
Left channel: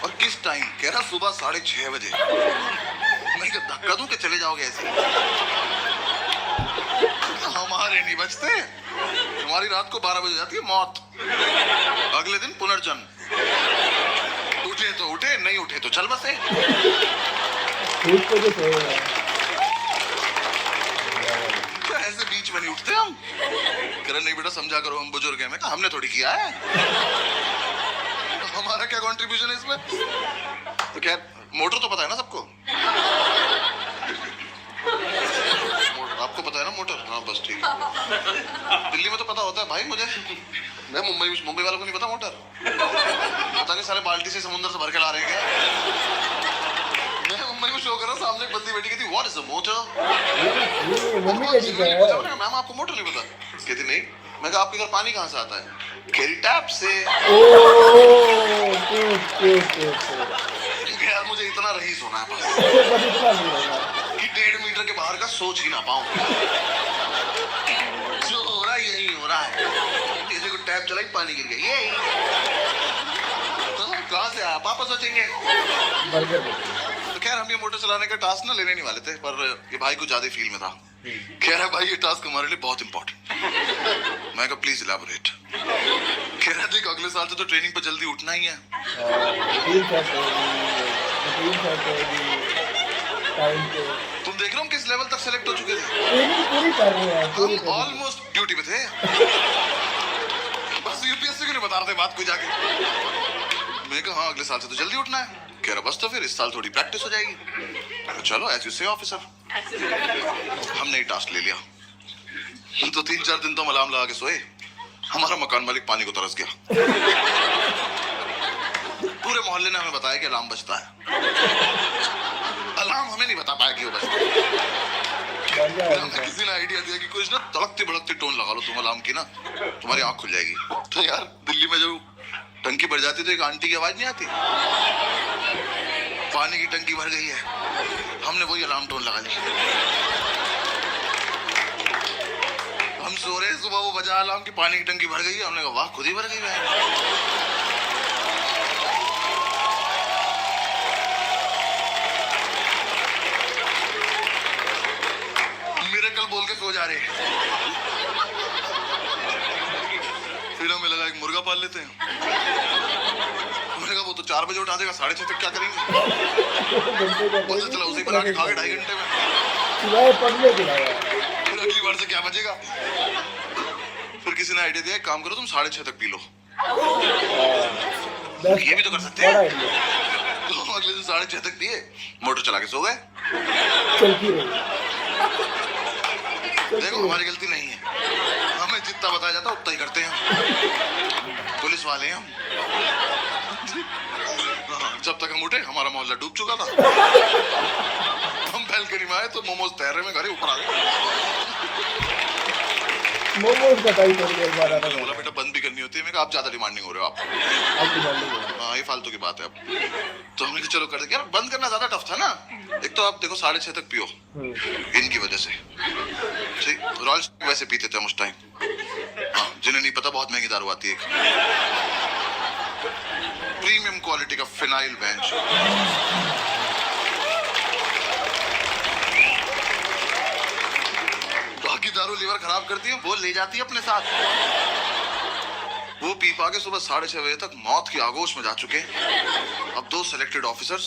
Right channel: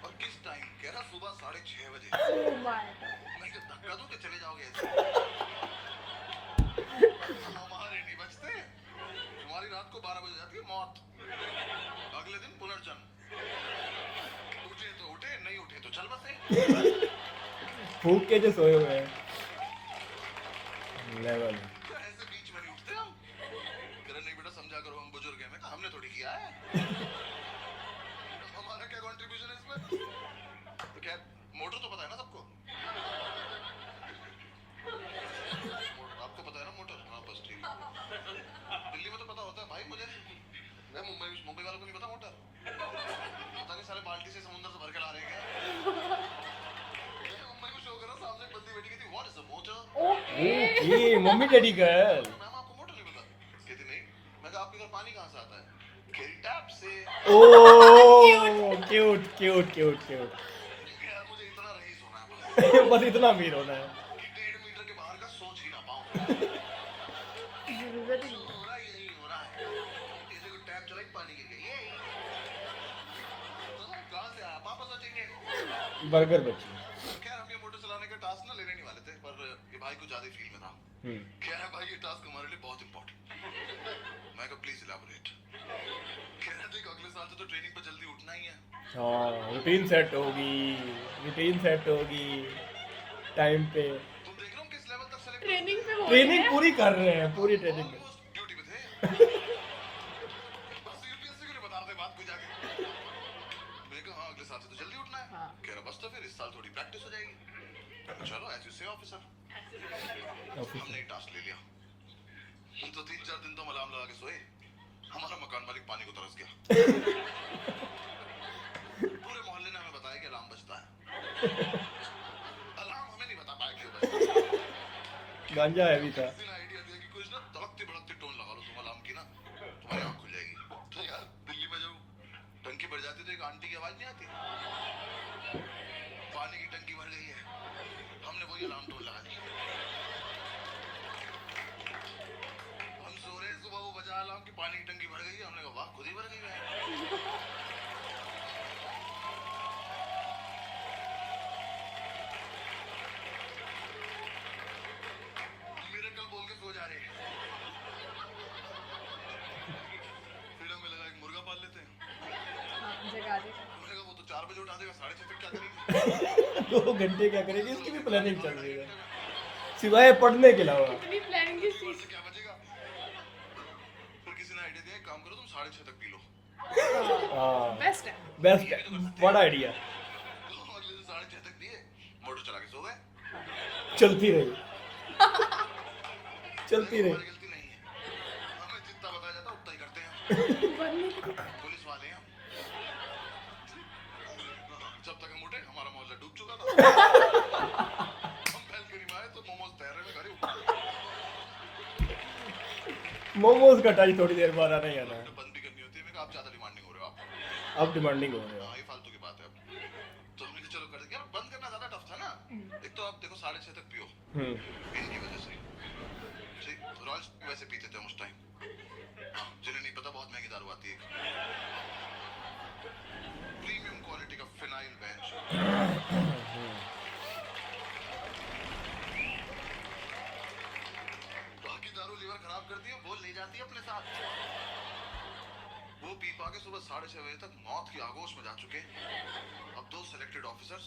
और किस टाइम? कह रहा सुबह 6:30 बजे। मैं क्या धक्का दूं कि चले जाओगे ऐसे? हमारे नहीं बचते, तुम्हारी रात को 12 बजे जाती है मौत, अगले दिन पुनर्जन्म। उठे तो उठे, नहीं उठे तो चल बसे। उठ के तो सो रहा है। क्या ऐसे बीच में नहीं उठते हम? कह रहे नहीं बेटा समझा करो, हम बुजुर्ग हैं। मैं कहा हमने थोड़ी किया है, हमारा क्या कंट्रीब्यूशन है इसमें? तो क्या मोटर तो पता है ना सबको? आपको पता है ना मोटर? हाँ बस ठीक है। दिल्ली में तो पता होता है भाई मुझे, मैं मुंबई वालों को नहीं पता मोटर। पता नहीं सारे बाल्टी से समुद्र से भर के ला रहे हैं क्या? मैं मुंबई में शो कर रहा, सामने एक बंदी बैठी कहती व्हाट इज अ मोटर? ये मम्मी डैडी का है। मैम आपको मोटर नहीं पता? कहती नहीं। मैं कहा आपके घर पानी कहाँ से आता है? केरी टैप से। ओह क्यूट। यार मुझे इतना रईस होना है बस इतना नहीं होना कि 1.5 मीटर के बाहर का सोच ही ना पाऊं। जो हो रहा है यही हो रहा है। जैसे को टैप चलाई पानी गिर गया, ये तो कहाँ से आया पापा सोचेंगे। बर्गर तो खैर हम ये मोटर चलाने का टास्क ना लेने नहीं वाले थे, पर ये भाई को ज्यादा फील में था। कह रहा भाई ये टास्क हमारे लिए बहुत इंपॉर्टेंट। मैं कहा प्लीज इलैबोरेट। कह रहा देख अगले साल से तो ट्रेनिंग पर जल्दी उठना ही है। रूटीन सेट होगी टाइम पे। तुम देख रहे हो हम किस लेवल तक सेलेक्ट हो चुके थे? ट्रेनिंग पूरी कर रहे हैं, पूरी हम ऑलमोस्ट ड्यूटी पे थे। बस यूपीएससी को नहीं बता रहे थे बात कोई जाके। मैं कहा हाँ अगले साल से तो जल्दी उठना है। कह रहा बस तो फिर इस साल थोड़ी प्रैक्टिस हो जाएगी। चलो एज यू से ऑफिसर। हमने ये टास्क ले लिया। तो 3-4 दिन तो हम अलार्म लगा के सोए, हमारा मकान मालिक पानी को तरस गया। पूरे मोहल्ले ने हमें बताया कि अलार्म बजता है, अलार्म हमें नहीं बता पाया कि वो बजता है। किसी ने आइडिया दिया कि कुछ ना तड़कती भड़कती टोन लगा लो तुम अलार्म की ना, तुम्हारी आंख खुल जाएगी। तो यार दिल्ली में जब टंकी भर जाती तो एक आंटी की आवाज नहीं आती, पानी की टंकी भर गई है, हमने वही अलार्म टोन लगा ली। हम सो रहे, सुबह वो बजा अलार्म की पानी की टंकी भर गई है, हमने कहा वाह खुद ही भर गई है। मिरेकल बोल के सो जा रहे। फिर हमें लगा एक मुर्गा पाल लेते हैं। हमने कहा वो तो 4 बजे उठा देगा, 6:30 तक क्या करेंगे? पता चला उसे बना के खा के 2.5 घंटे में, सिवाय पढ़ने के अलावा अगली बार से क्या बचेगा? फिर किसी ने आइडिया दिया, एक काम करो तुम 6:30 तक पी लो। बेस्ट, ये भी तो कर सकते हैं। बड़ा आइडिया। तो हम अगले दिन 6:30 तक पिए, मोटर चला के सो गए। चलती रही देखो हमारी गलती नहीं है, हमें जितना बताया जाता उतना ही करते हैं। पुलिस वाले हैं हम। जब तक हम उठे हमारा मोहल्ला डूब चुका था। हम बैल्कनी में आए तो मोमोज तैर रहे में घरे ऊपर आ गए। मोमोज का टाइम थोड़ी देर बाद आता बोला बेटा बंद भी करनी होती है, मैं कहा आप ज्यादा डिमांडिंग हो रहे हो आप। अब डिमांडिंग हाँ ये फालतू की बात है। अब तो हमने कहा चलो कर दे। यार बंद करना ज्यादा टफ था ना। एक तो आप देखो 6:30 तक पियो इनकी वजह से। ठीक, रॉयल वैसे पीते थे हम उस टाइम। हाँ जिन्हें नहीं पता बहुत महंगी दारू आती है, प्रीमियम क्वालिटी का फिनाइल बेंच। बाकी दारू लीवर खराब करती है, वो ले जाती है अपने साथ। वो पी पा के सुबह 6:30 बजे तक मौत की आगोश में जा चुके। अब 2 सिलेक्टेड ऑफिसर्स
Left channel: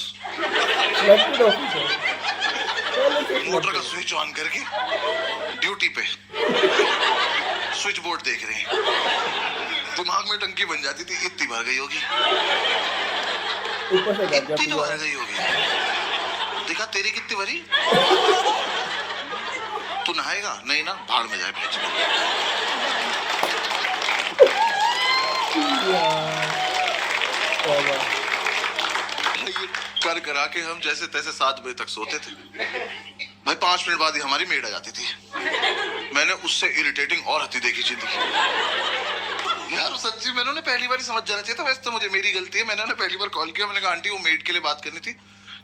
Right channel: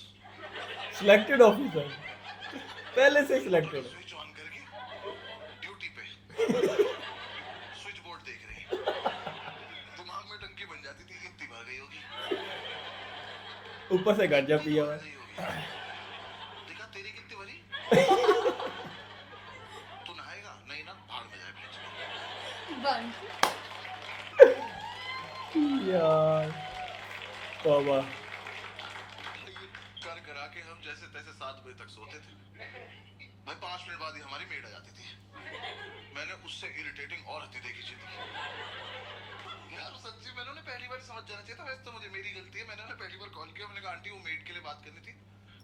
पहले से मोटर का स्विच ऑन करके ड्यूटी पे स्विच बोर्ड देख रहे हैं। दिमाग में टंकी बन जाती थी, इतनी भर गई होगी, ऊपर से गांजा इतनी तो पिया। भर गई होगी। देखा तेरी कितनी भरी? तू नहाएगा नहीं ना, भाड़ में जाए भेज। यार तौबा। कर करा के हम जैसे तैसे 7 बजे तक सोते थे। भाई 5 मिनट बाद ही हमारी मेड आ जाती थी। मैंने उससे इरिटेटिंग और हत्ती देखी जिंदगी। यार सच्ची मैंने उन्हें पहली बार ही समझ जाना चाहिए था। वैसे तो मुझे मेरी गलती है, मैंने उन्हें पहली बार कॉल किया, मैंने कहा आंटी वो मेड के लिए बात करनी थी।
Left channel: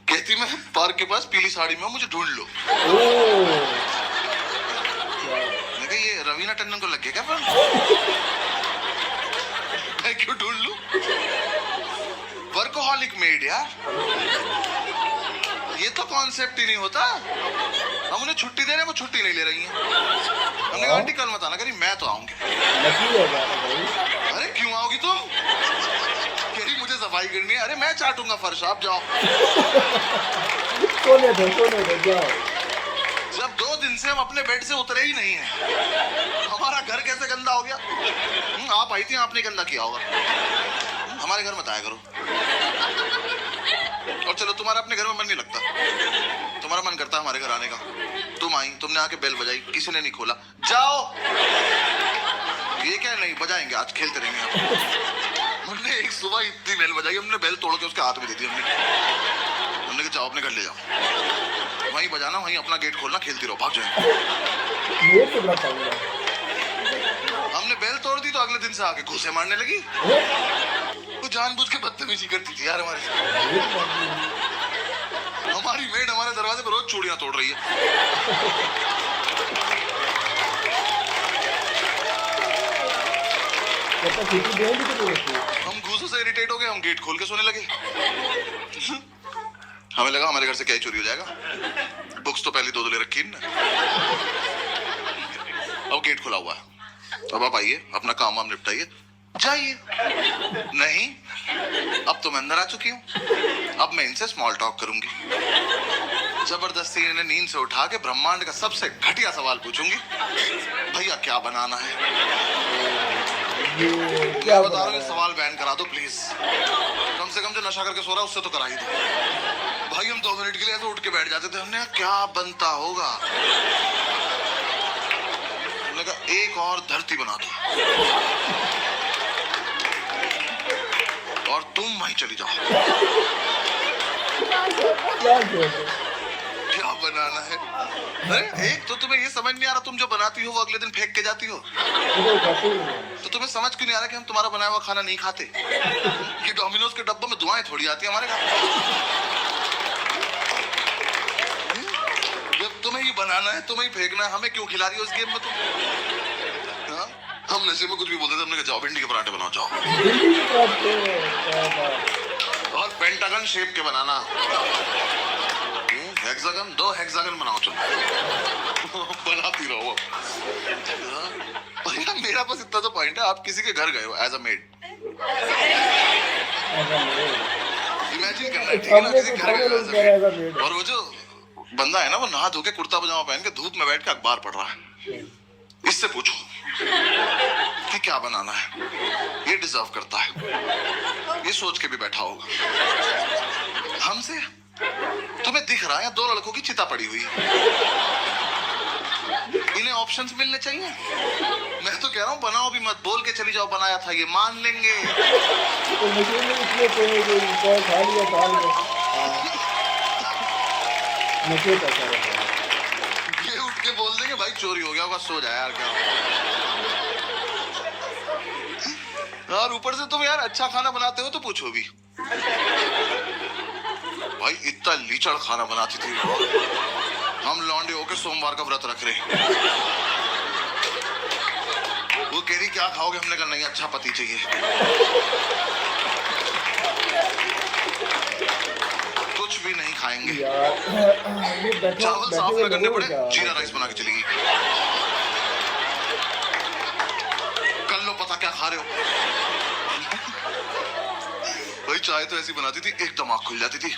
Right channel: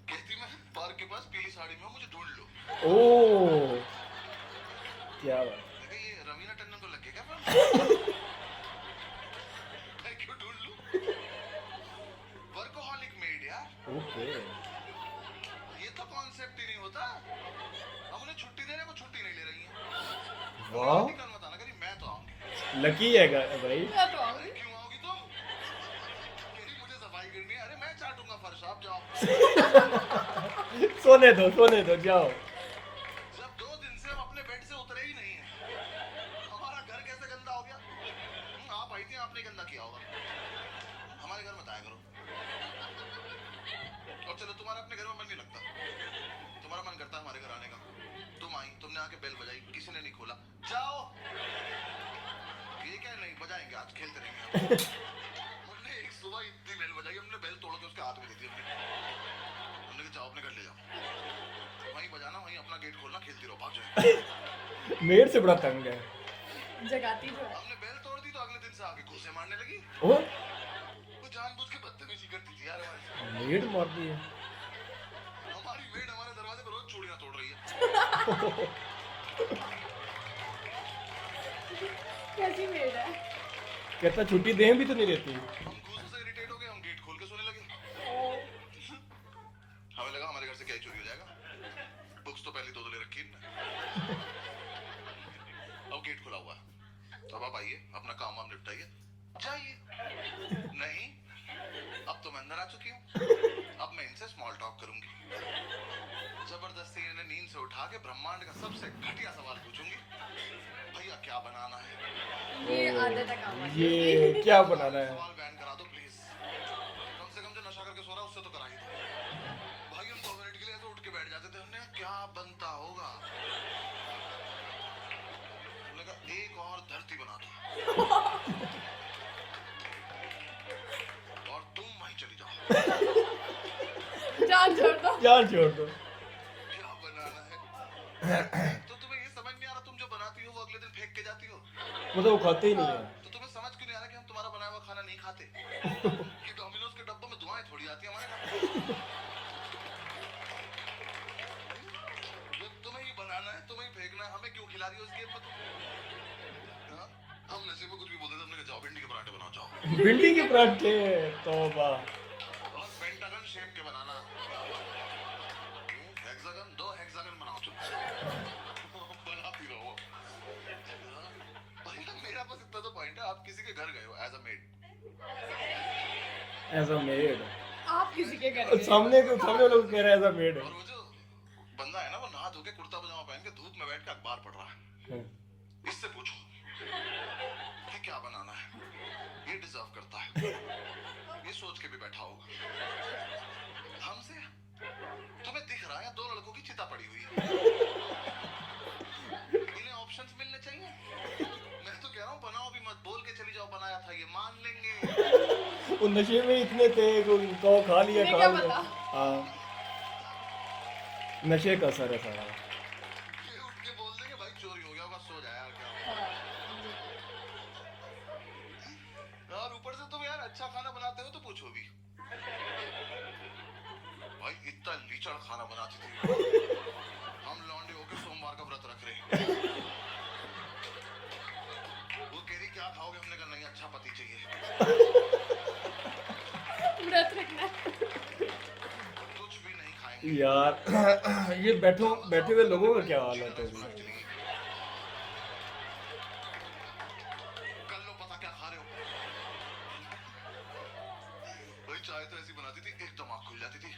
कहती मैं पार्क के पास पीली साड़ी में हूं, मुझे ढूंढ लो। मैं कहा ये रवीना टंडन को लग गया क्या? मैं क्यों ढूंढ लूं? वर्कोहॉलिक मेड यार, ये तो कॉन्सेप्ट ही नहीं होता। हम उन्हें छुट्टी दे रहे हैं, वो छुट्टी नहीं ले रही हैं। हमने कहा आंटी कल मत आना, करी मैं तो आऊंगी। अरे क्यों आओगी तुम? कह मुझे सफाई करनी है। अरे मैं चाटूंगा फर्श, आप जाओ। सोने दो जाओ। जब 2 दिन से हम अपने बेड से उतरे ही नहीं है, हमारा घर कैसे गंदा हो गया? आप आई थी, आपने गंदा किया होगा। हमारे घर मत आया करो। और चलो तुम्हारा अपने घर में मन नहीं लगता, तुम्हारा मन करता है हमारे घर आने का। तुम आई, तुमने आके बेल बजाई, किसी ने नहीं खोला, जाओ। ये क्या नहीं बजाएंगे, आज खेलते रहेंगे। हमने एक सुबह इतनी बेल बजाई, हमने बेल तोड़ के उसके हाथ में दे दी। हमने कहा जाओ अपने घर ले जाओ, वहीं बजाना, वहीं अपना गेट खोलना, खेलती रहो, भाग जाए। हमने बेल तोड़ दी तो अगले दिन से आके घूसे मारने लगी। वो जानबूझ के बदतमीजी करती थी यार हमारे साथ। हमारी मेड हमारे दरवाजे पर रोज चूड़ियां तोड़ रही है। हम घूसों से इरिटेट हो गए, हम गेट खोल के सोने लगे। हमें लगा हमारे घर से क्या ही चोरी हो जाएगा, बुक्स तो पहले 2 ले रखी ना। अब गेट खुला हुआ है, अब आप आइए, अपना काम वाम निपटाइए, जाइए। नहीं, अब तो मैं अंदर आ चुकी हूँ, अब मैं इनसे स्मॉल टॉक करूंगी। जबरदस्ती इन्हें नींद से उठा के ब्रह्मांड का सबसे घटिया सवाल पूछूंगी, भैया क्या बनाना है? क्या बता रहा हूँ, सवाल बैन करा दो प्लीज। कम से कम जो नशा करके सो रहा है उससे तो करा ही दो। भाई हम 2 मिनट के लिए ऐसे उठ के बैठ जाते थे, हमने क्या बनता होगा। उन्होंने कहा एक और धरती बना दो और तुम वहीं चली जाओ। क्या जोड़ क्या बनाना है? अरे एक तो तुम्हें ये समझ नहीं आ रहा, तुम जो बनाती हो वो अगले दिन फेंक के जाती हो, तो खाते ही नहीं। तो तुम्हें समझ क्यों नहीं आ रहा कि हम तुम्हारा बनाया हुआ खाना नहीं खाते? कि डोमिनोज के डब्बों में दुआएं थोड़ी आती है हमारे घर। जब तुम्हें ही बनाना है, तुम्हें ही फेंकना है, हमें क्यों खिला रही हो इस गेम में तुम? हाँ? हम नशे में कुछ भी बोलते थे, हमने कहा जाओ भिंडी के पराठे बनाओ जाओ, भिंडी की पराठे, क्या बात। और पेंटागन शेप के बनाना, हेक्सागन, 2 हेक्सागन बनाओ चलो। बनाती रहो। हाँ? भैया मेरा बस इतना तो पॉइंट है, आप किसी के घर गए हो एज अ मेड, ऐसा मेड। इमेजिन करना है, ठीक है ना? सामने किसी को के घर खड़े गए हो लोग as a कह रहे हैं ऐसा maid, मेड। और वो जो बंदा है ना, वो नहा धो के कुर्ता पजामा पहन के धूप में बैठ के अखबार पढ़ रहा है, इससे पूछो कि क्या बनाना है, ये डिजर्व करता है, ये सोच के भी बैठा होगा। हमसे तुम्हें दिख रहा है 2 लड़कों की चिता पड़ी हुई, इन्हें ऑप्शंस मिलने चाहिए। मैं तो कह रहा हूँ बनाओ भी मत, बोल के चली जाओ बनाया था, ये मान लेंगे। तो नशे में इसलिए तो कौ खा लिया काल में। हाँ। नशे का सारा था। ये उठ के बोल देंगे भाई चोरी हो गया होगा, सो जा यार क्या। और ऊपर से तुम यार अच्छा खाना बनाते हो तो पूछो भी। भाई इतना लीचड़ खाना बनाती थी वो। हम लौंडे होके सोमवार का व्रत रख रहे। वो कह रही क्या खाओगे, हमने कहा नहीं अच्छा पति चाहिए। कुछ भी नहीं खाएंगे यार ये बैठे चावल बैठे साफ हुए न करने लोगों को पड़े, क्या जीरा राइस बना के चलेगी। कर लो पता क्या खा रहे हो। भाई चाय तो ऐसी बनाती थी एकदम आँख खुल जाती थी,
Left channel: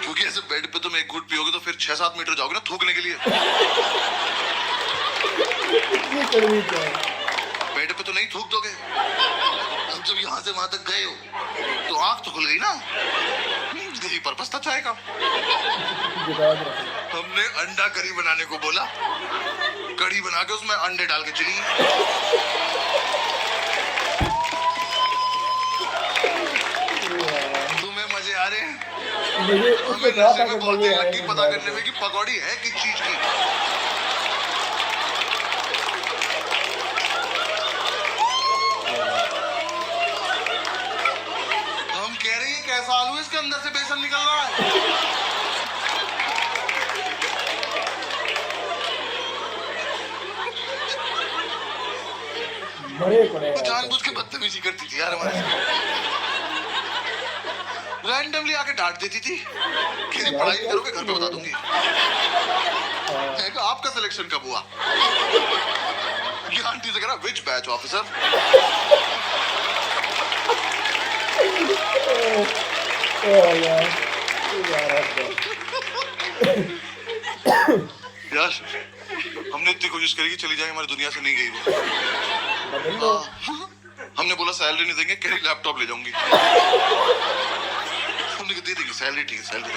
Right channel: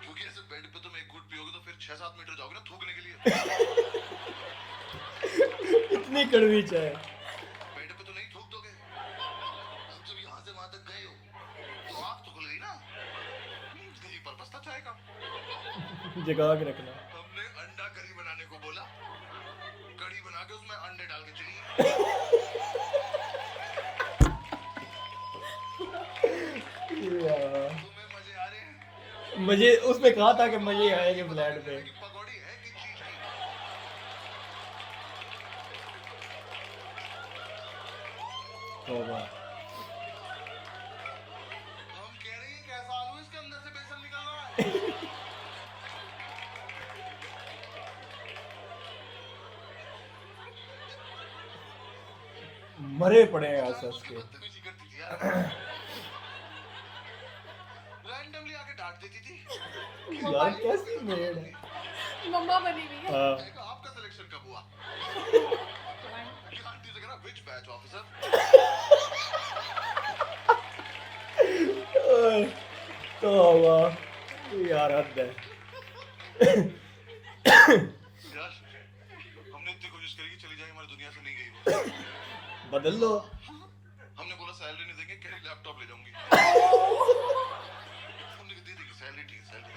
क्योंकि ऐसे बेड पे तुम एक घूंट पियोगे तो फिर 6-7 मीटर जाओगे ना थूकने के लिए। इतनी कड़वी चाय। बेड पे तो नहीं थूक दोगे, अब जब यहाँ से वहां तक गए हो तो आँख तो खुल गई ना। यही पर्पस था चाय का। जुगाड़ रखना। हमने अंडा करी बनाने को बोला, कड़ी बना के उसमें अंडे डाल के चली। तुम्हें मजे आ रहे हैं? मुझे उसने कहा था कि मुझे लगी पता करने में कि पकौड़ी है किस चीज की। हम कह रहे हैं कैसा आलू है, इसके अंदर से बेसन निकल रहा है। मरे पड़े हैं जानबूझ के बदतमीजी करती थी यार हमारे साथ। रैंडमली आके डांट देती थी कि पढ़ाई करोगे घर पे बता दूंगी। मैं कहा, आपका सिलेक्शन कब हुआ? ये आंटी से कह रहा विच बैच ऑफिसर। यार यार हमने इतनी कोशिश करी कि चली जाए, हमारी दुनिया से नहीं गई वो। बदल लो। हमने बोला सैलरी नहीं देंगे, कह रही लैपटॉप ले जाऊंगी। हमने कहा दे देंगे सैलरी, ठीक है सैलरी।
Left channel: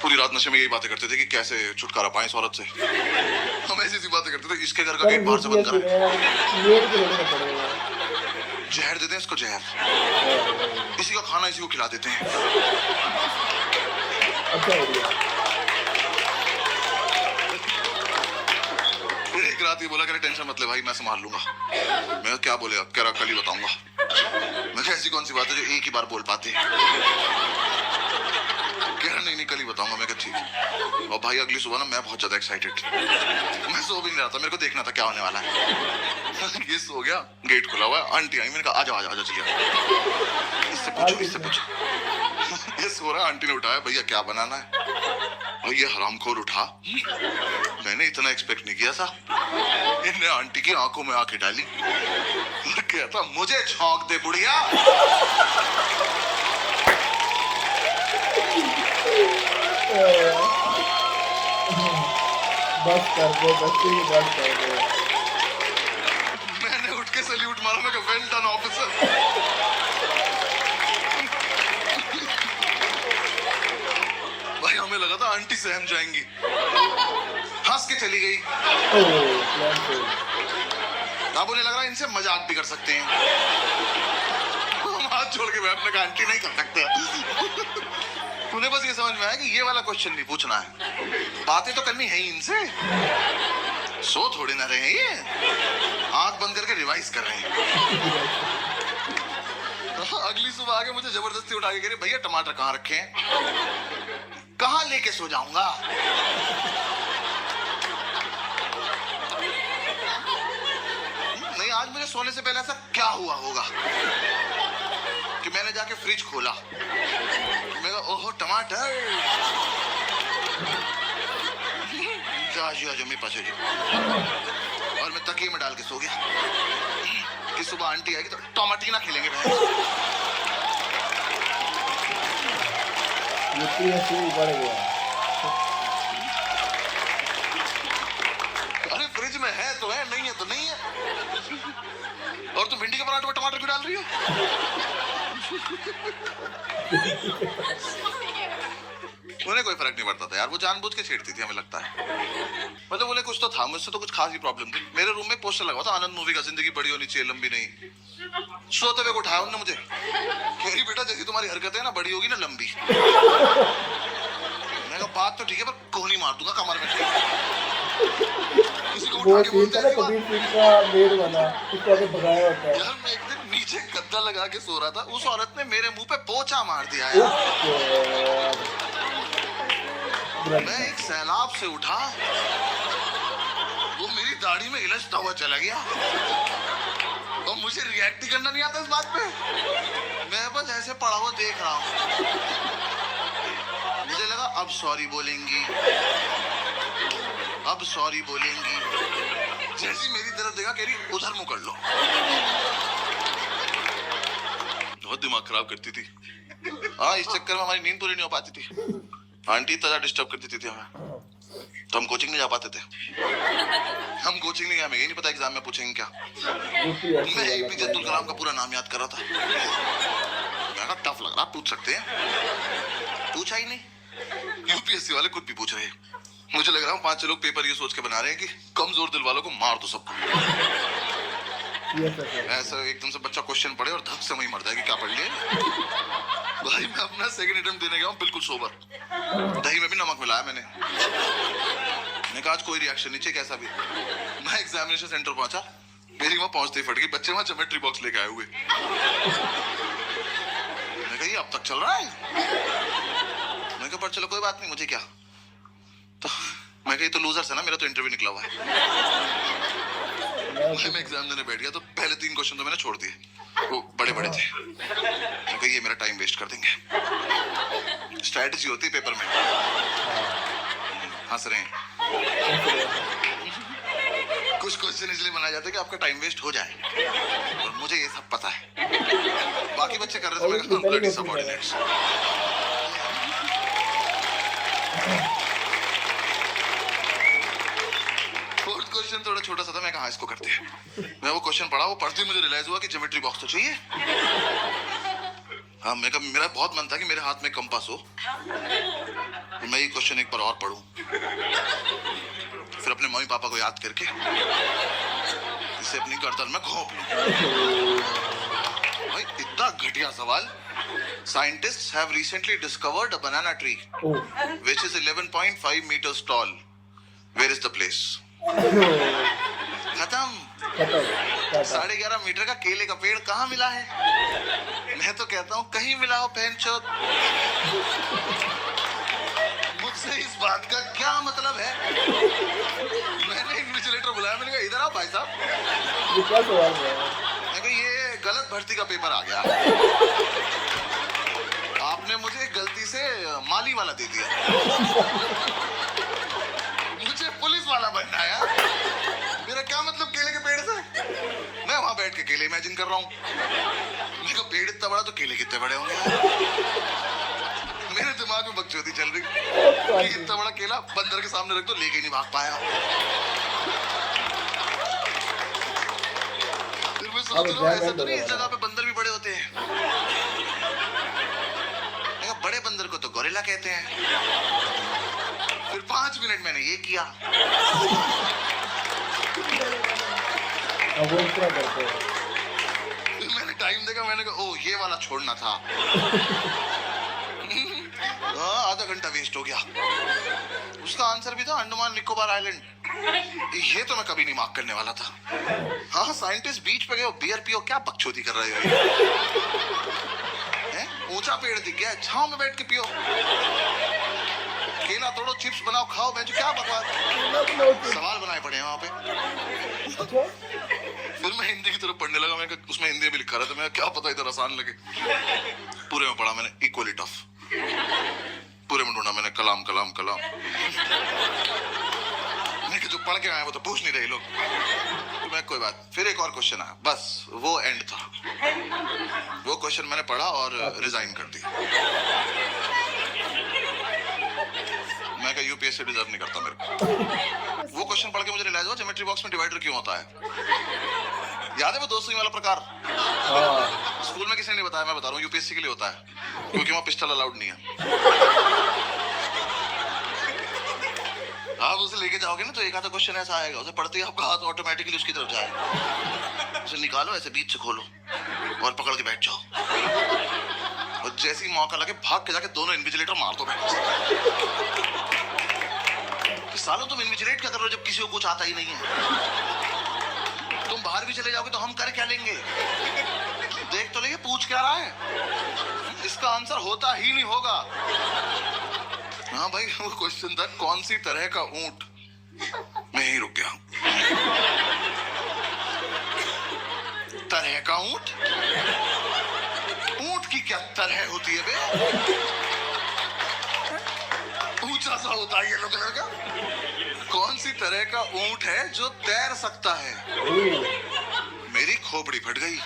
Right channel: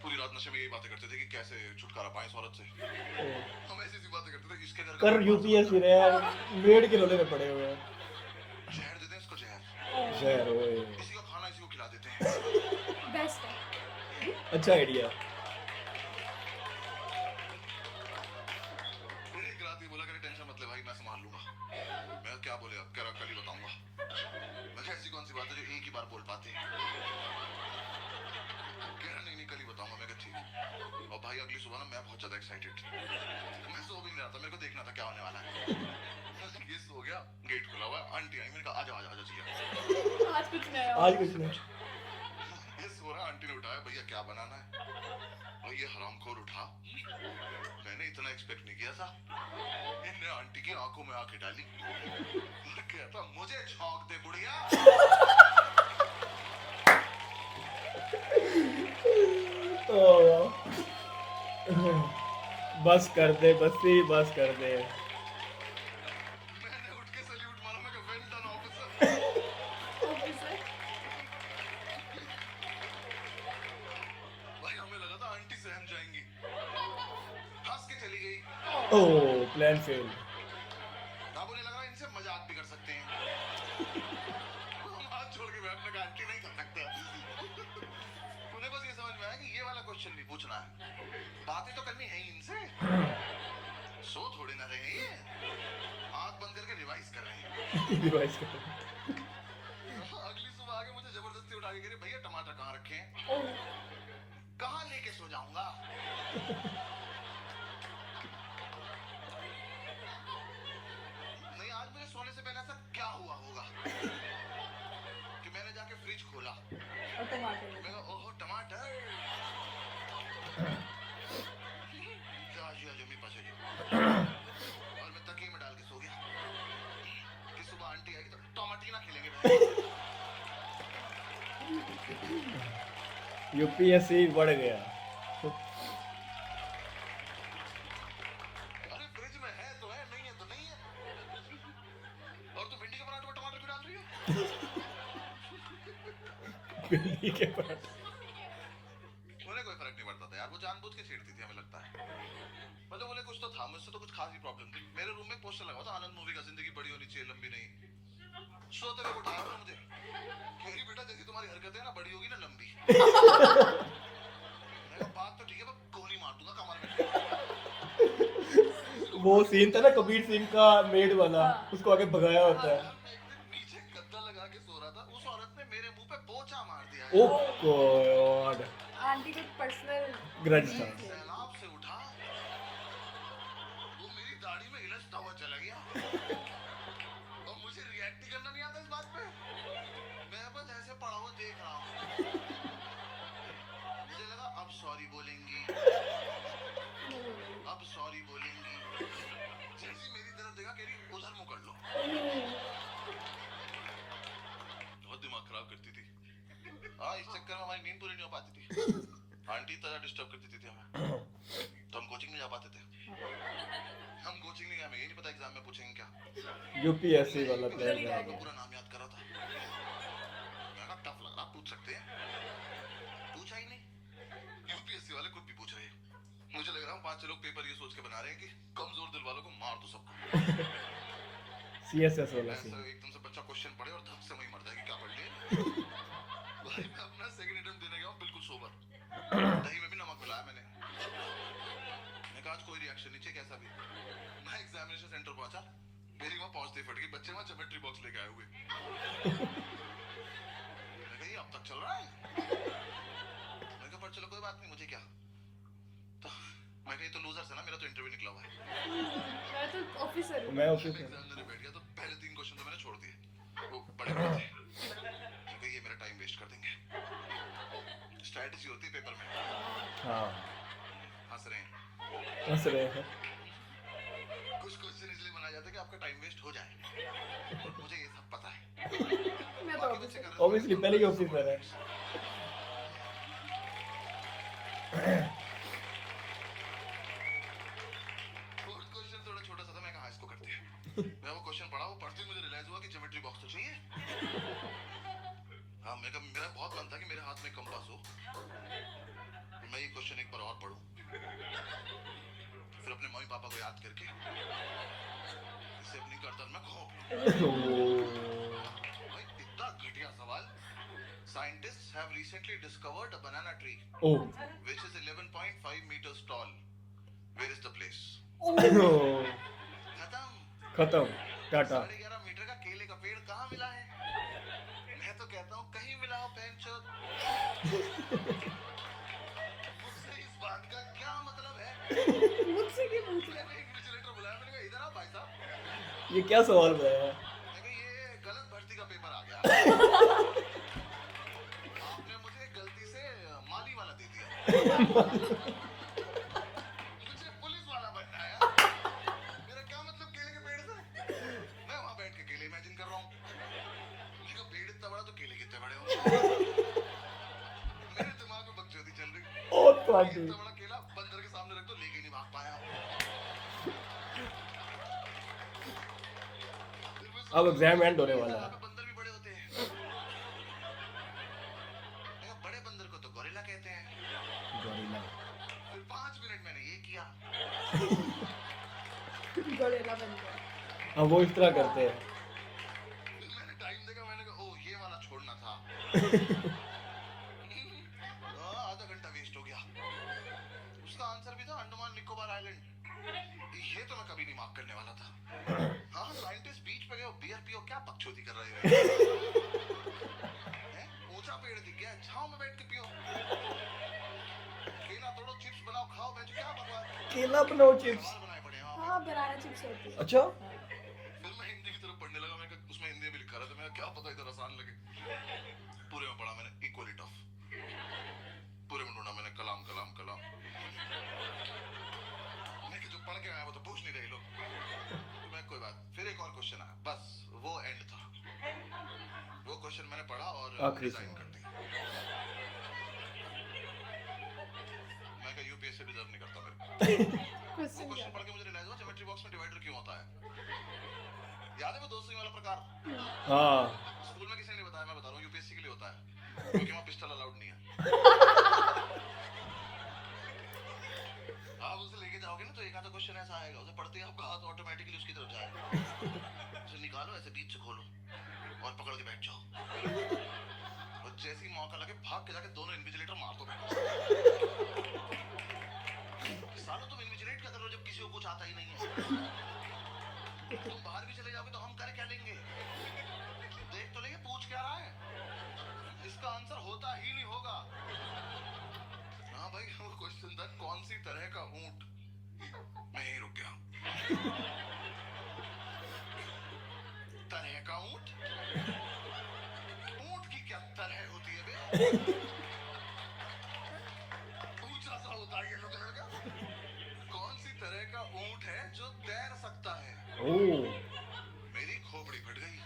पूरी रात नशे में यही बातें करते थे कि कैसे छुटकारा पाएं इस औरत से। हम ऐसी ऐसी बातें करते थे, इसके घर का गेट बाहर से बंद करें, जहर देते हैं इसको, जहर इसी का खाना इसी को खिला देते हैं। अच्छा हो गया। एक रात ये बोला कह रहे टेंशन मत ले भाई मैं संभाल लूंगा। मैं क्या बोलेगा, कह रहा कल ही बताऊंगा। मैं कहा ऐसी कौन सी बात है जो एक ही बार बोल पाते हैं। कह रहा नहीं कल ही बताऊंगा। मैं कहा ठीक। और भाई अगली सुबह ना मैं बहुत ज्यादा एक्साइटेड, मैं सो भी नहीं रहा था, मेरे को देखना था क्या होने वाला है। ये सो गया, गेट खुला हुआ है, आंटी आई, मैंने कहा आजा आजा आजा चलिए, इससे पूछो इससे पूछो। ये सो रहा, आंटी ने उठाया, भैया क्या बनाना है? और ये हरामखोर उठा, मैंने इतना एक्सपेक्ट नहीं किया था। इन्हें आंटी की आंखों में आंखें डाली और कहता मुझे छौंक दे बुढ़िया। बस कर दो, बस ही बस कर दो। मैंने उठ के सैल्यूट मारा, मैं कहा वेल डन ऑफिसर। भाई हमें लगा था आंटी सहम जाएंगी। हाँ हंस के चली गई। अब उन्हें लग रहा है इनसे मजाक भी कर सकते हैं। हम हाथ छोड़ के बैठने का आंटी नहीं कर सकते। उन्हें बस ये समझ में आया कि ये वाला क्वेश्चन नहीं पूछना है, बातें तो करनी है ही इनसे। सो थोड़ी ना रहे हैं ये, आंख बंद करके रिवाइज कर रहे हैं। अगली सुबह आके मुझे जबरदस्ती उठा के कह रही, भैया टमाटर कहाँ रखे हैं? कहाँ लेके सो जाऊंगा? नहीं, आज मुझे सोने से पहले ऐसा क्या हुआ होगा कि मैंने जाके फ्रिज खोला, मैं कहा ओहो टमाटर, आजू मेरे पास और मैं तकिए में डाल के सो गया कि सुबह आंटी आएगी तो टमाटीना खेलेंगे। यूपीएससी बढ़ गया। अरे फ्रिज में है तो है, नहीं है तो नहीं है। और तुम भिंडी के पराठे में टमाटर क्यों डाल रही हो? उन्हें कोई फर्क नहीं पड़ता था यार, वो जानबूझ के छेड़ती थी हमें लगता है। मतलब उन्हें कुछ तो था, मुझसे तो कुछ खास ही प्रॉब्लम थी। मेरे रूम में पोस्टर लगा था आनंद मूवी का, जिंदगी बड़ी होनी चाहिए लंबी नहीं। सोते हुए उठाया उन्होंने मुझे, कह रही बेटा जैसी तुम्हारी हरकतें ना बड़ी होगी ना लंबी। मैंने कहा बात तो ठीक है पर कोहनी मार दूंगा कमर में। किसी को वो उठा के सीन था ना कबीर सिंह का बेड बना, उसको आगे भगाया होता है। यार मैं एक दिन नीचे गद्दा लगा के सो रहा था, उस औरत ने मेरे मुंह पे पोंछा मार दिया यार। मैं एक सैलाब से उठा, वो मेरी दाढ़ी में इलझता हुआ चला गया और मुझे रिएक्ट ही करना नहीं आता इस बात पे। मैं बस ऐसे पड़ा हुआ देख रहा हूँ। मुझे लगा अब सॉरी बोलेंगी, अब सॉरी बोलेंगी। जैसी मेरी तरफ देखा कह रही उधर मुंह कर लो। बहुत दिमाग खराब करती थी। हाँ, इस चक्कर में हमारी नींद पूरी नहीं हो पाती थी। आंटी इतना डिस्टर्ब करती थी हमें, तो हम कोचिंग नहीं जा पाते थे। हम कोचिंग नहीं गए, हमें यही नहीं पता एग्जाम में पूछेंगे क्या। मैं एपीजे अब्दुल कलाम का पूरा नाम याद कर रहा था। मैं कहा टफ लग रहा, पूछ सकते हैं। पूछा ही नहीं। यूपीएससी वाले खुद भी पूछ रहे हैं। मुझे लग रहा है 5 लोग पेपर ये सोच के बना रहे हैं कि कमजोर दिल वालों को मार दो सबको। ऐसा एकदम से बच्चा क्वेश्चन पढ़े और धक से वही मर जाएगी, क्या पढ़ लिए भाई। मैं अपना सेकंड अटेम्प्ट देने गया हूँ बिल्कुल सोबर, दही में भी नमक मिलाया मैंने कहा आज कोई रिएक्शन नहीं चाहिए कैसा भी। मैं एग्जामिनेशन सेंटर पहुंचा, मेरी वहां पहुंचते ही फट गई, बच्चे वहां ज्योमेट्री बॉक्स लेके आए हुए। मैं कहा ये अब तक चल रहा है? मैं कहा पर चलो कोई बात नहीं, मुझे क्या। तो मैं कही तो लूजर्स है ना, मेरा तो इंटरव्यू निकला हुआ है। मैं एग्जाम देने बैठ गया तो पहले 3 क्वेश्चन तो मैंने छोड़ दिए, वो बड़े बड़े थे। मैं कही ये मेरा टाइम वेस्ट कर देंगे। स्ट्रैटेजी होती है पेपर में। हंस रहे हैं। कुछ क्वेश्चन इसलिए बनाए जाते हैं कि आपका टाइम वेस्ट हो जाए, और मुझे ये सब पता है। बाकी बच्चे कर रहे थे, मैं ब्लडी सबऑर्डिनेट्स। फोर्थ क्वेश्चन थोड़ा छोटा सा था, मैं कहा इसको करते हैं। मैं वो क्वेश्चन पढ़ा, वो पढ़ते ही मुझे रियलाइज हुआ कि ज्योमेट्री बॉक्स तो चाहिए। हाँ, मेरा बहुत मन था कि मेरे हाथ में कंपास हो, मैं ये क्वेश्चन एक बार और पढूं, फिर अपने मम्मी पापा को याद करके इसे अपनी गर्दन में घोंप लूं। भाई इतना घटिया सवाल। Scientists have recently discovered a banana tree which is 11.5 meters tall. Where is the place? खत्म। 11.5 मीटर का केले का पेड़ कहाँ मिला है? मैं तो कहता हूँ कहीं मिला हो बहनचोद। मुझसे इस बात का क्या मतलब है? मैंने इन्विजिलेटर बुलाया, मैंने कहा इधर आओ भाई साहब, ये क्या सवाल है? मैं कहा ये गलत भर्ती का पेपर आ गया, आपने मुझे गलती से माली वाला दे दिया, मुझे पुलिस वाला बनना है। मेरा क्या मतलब केले के पेड़ से? मैं वहां बैठ के केले इमेजिन कर रहा हूँ। मेरे को पेड़ इतना बड़ा तो केले कितने बड़े होंगे। मेरे दिमाग में बकचोदी चल रही, इतना बड़ा केला बंदर के सामने रख दो, लेके नहीं भाग पाया। अब एग्जाम एंड होने इस वाला जगह पे बंदर भी बड़े होते हैं। बड़े बंदर को तो गोरिल्ला कहते हैं। फिर 5 मिनट मैंने ये किया। अब वो इस तरह करते हैं। फिर मैंने टाइम देखा, मैंने कहा ओ ये वाला छोड़ना था। आधा घंटा वेस्ट हो गया। उसका आंसर भी था अंडमान निकोबार आइलैंड। ये तो मैं कभी नहीं मार्क करने वाला था। हाँ, साइंटिस्ट बीच पे गए हो, बियर पियो, क्या बकचोदी कर रहे हो? ऊंचा पेड़ दिख गया, छांव में बैठ के पियो। केला तोड़ो, चिप्स बनाओ, खाओ। मैं जो क्या बकवास सवाल बनाए पड़े हैं वहां पे। अच्छा, फिर मैं हिंदी की तरफ पढ़ने लगा। मैं उसमें हिंदी में लिखा रहा था, मैं क्या पता इधर आसान लगे। पूरे में पढ़ा मैंने इक्वली टफ। पूरे में ढूंढा मैंने कलाम कलाम कलाम। मैं जो पढ़ के आए वो तो पूछ नहीं रहे लोग। तो मैं कोई बात। फिर एक और क्वेश्चन आया, बस वो एंड था। वो क्वेश्चन मैंने पढ़ा और रिजाइन कर दिया। मैं कहा यूपीएससी डिजर्व नहीं करता मेरे को। वो क्वेश्चन पढ़ के मुझे रियलाइज हुआ ज्योमेट्री बॉक्स में डिवाइडर क्यों होता है। याद है वो 2 सुई वाला प्रकार? हाँ, स्कूल में किसी ने नहीं बताया, मैं बता रहा हूँ। यूपीएससी के लिए होता है क्योंकि वहाँ पिस्टल अलाउड नहीं है। आप उसे लेके जाओगे ना तो एक आधा क्वेश्चन ऐसा आएगा, उसे पढ़ते ही आपका हाथ ऑटोमेटिकली उसकी तरफ जाएगा। उसे निकालो, ऐसे बीच से खोलो और पकड़ के बैठ जाओ। और जैसे ही मौका लगे भाग के जाके दोनों इन्विजिलेटर मार दो। सालों तुम इन्विजिलेट क्या कर रहे हो जब किसी को कुछ आता ही नहीं है? तुम बाहर भी चले जाओगे तो हम कर क्या लेंगे? देख तो लेंगे पूछ क्या रहा है। इसका आंसर होता ही नहीं होगा। हाँ भाई, वो क्वेश्चन था कौन सी तरह का ऊंट। मैं ही रुक गया। तरह का ऊंट? ऊंट की क्या तरह होती है बे? ऊंचा सा होता है येलो कलर का। कौन सी तरह का ऊंट है जो तैर सकता है? मेरी खोपड़ी फट गई।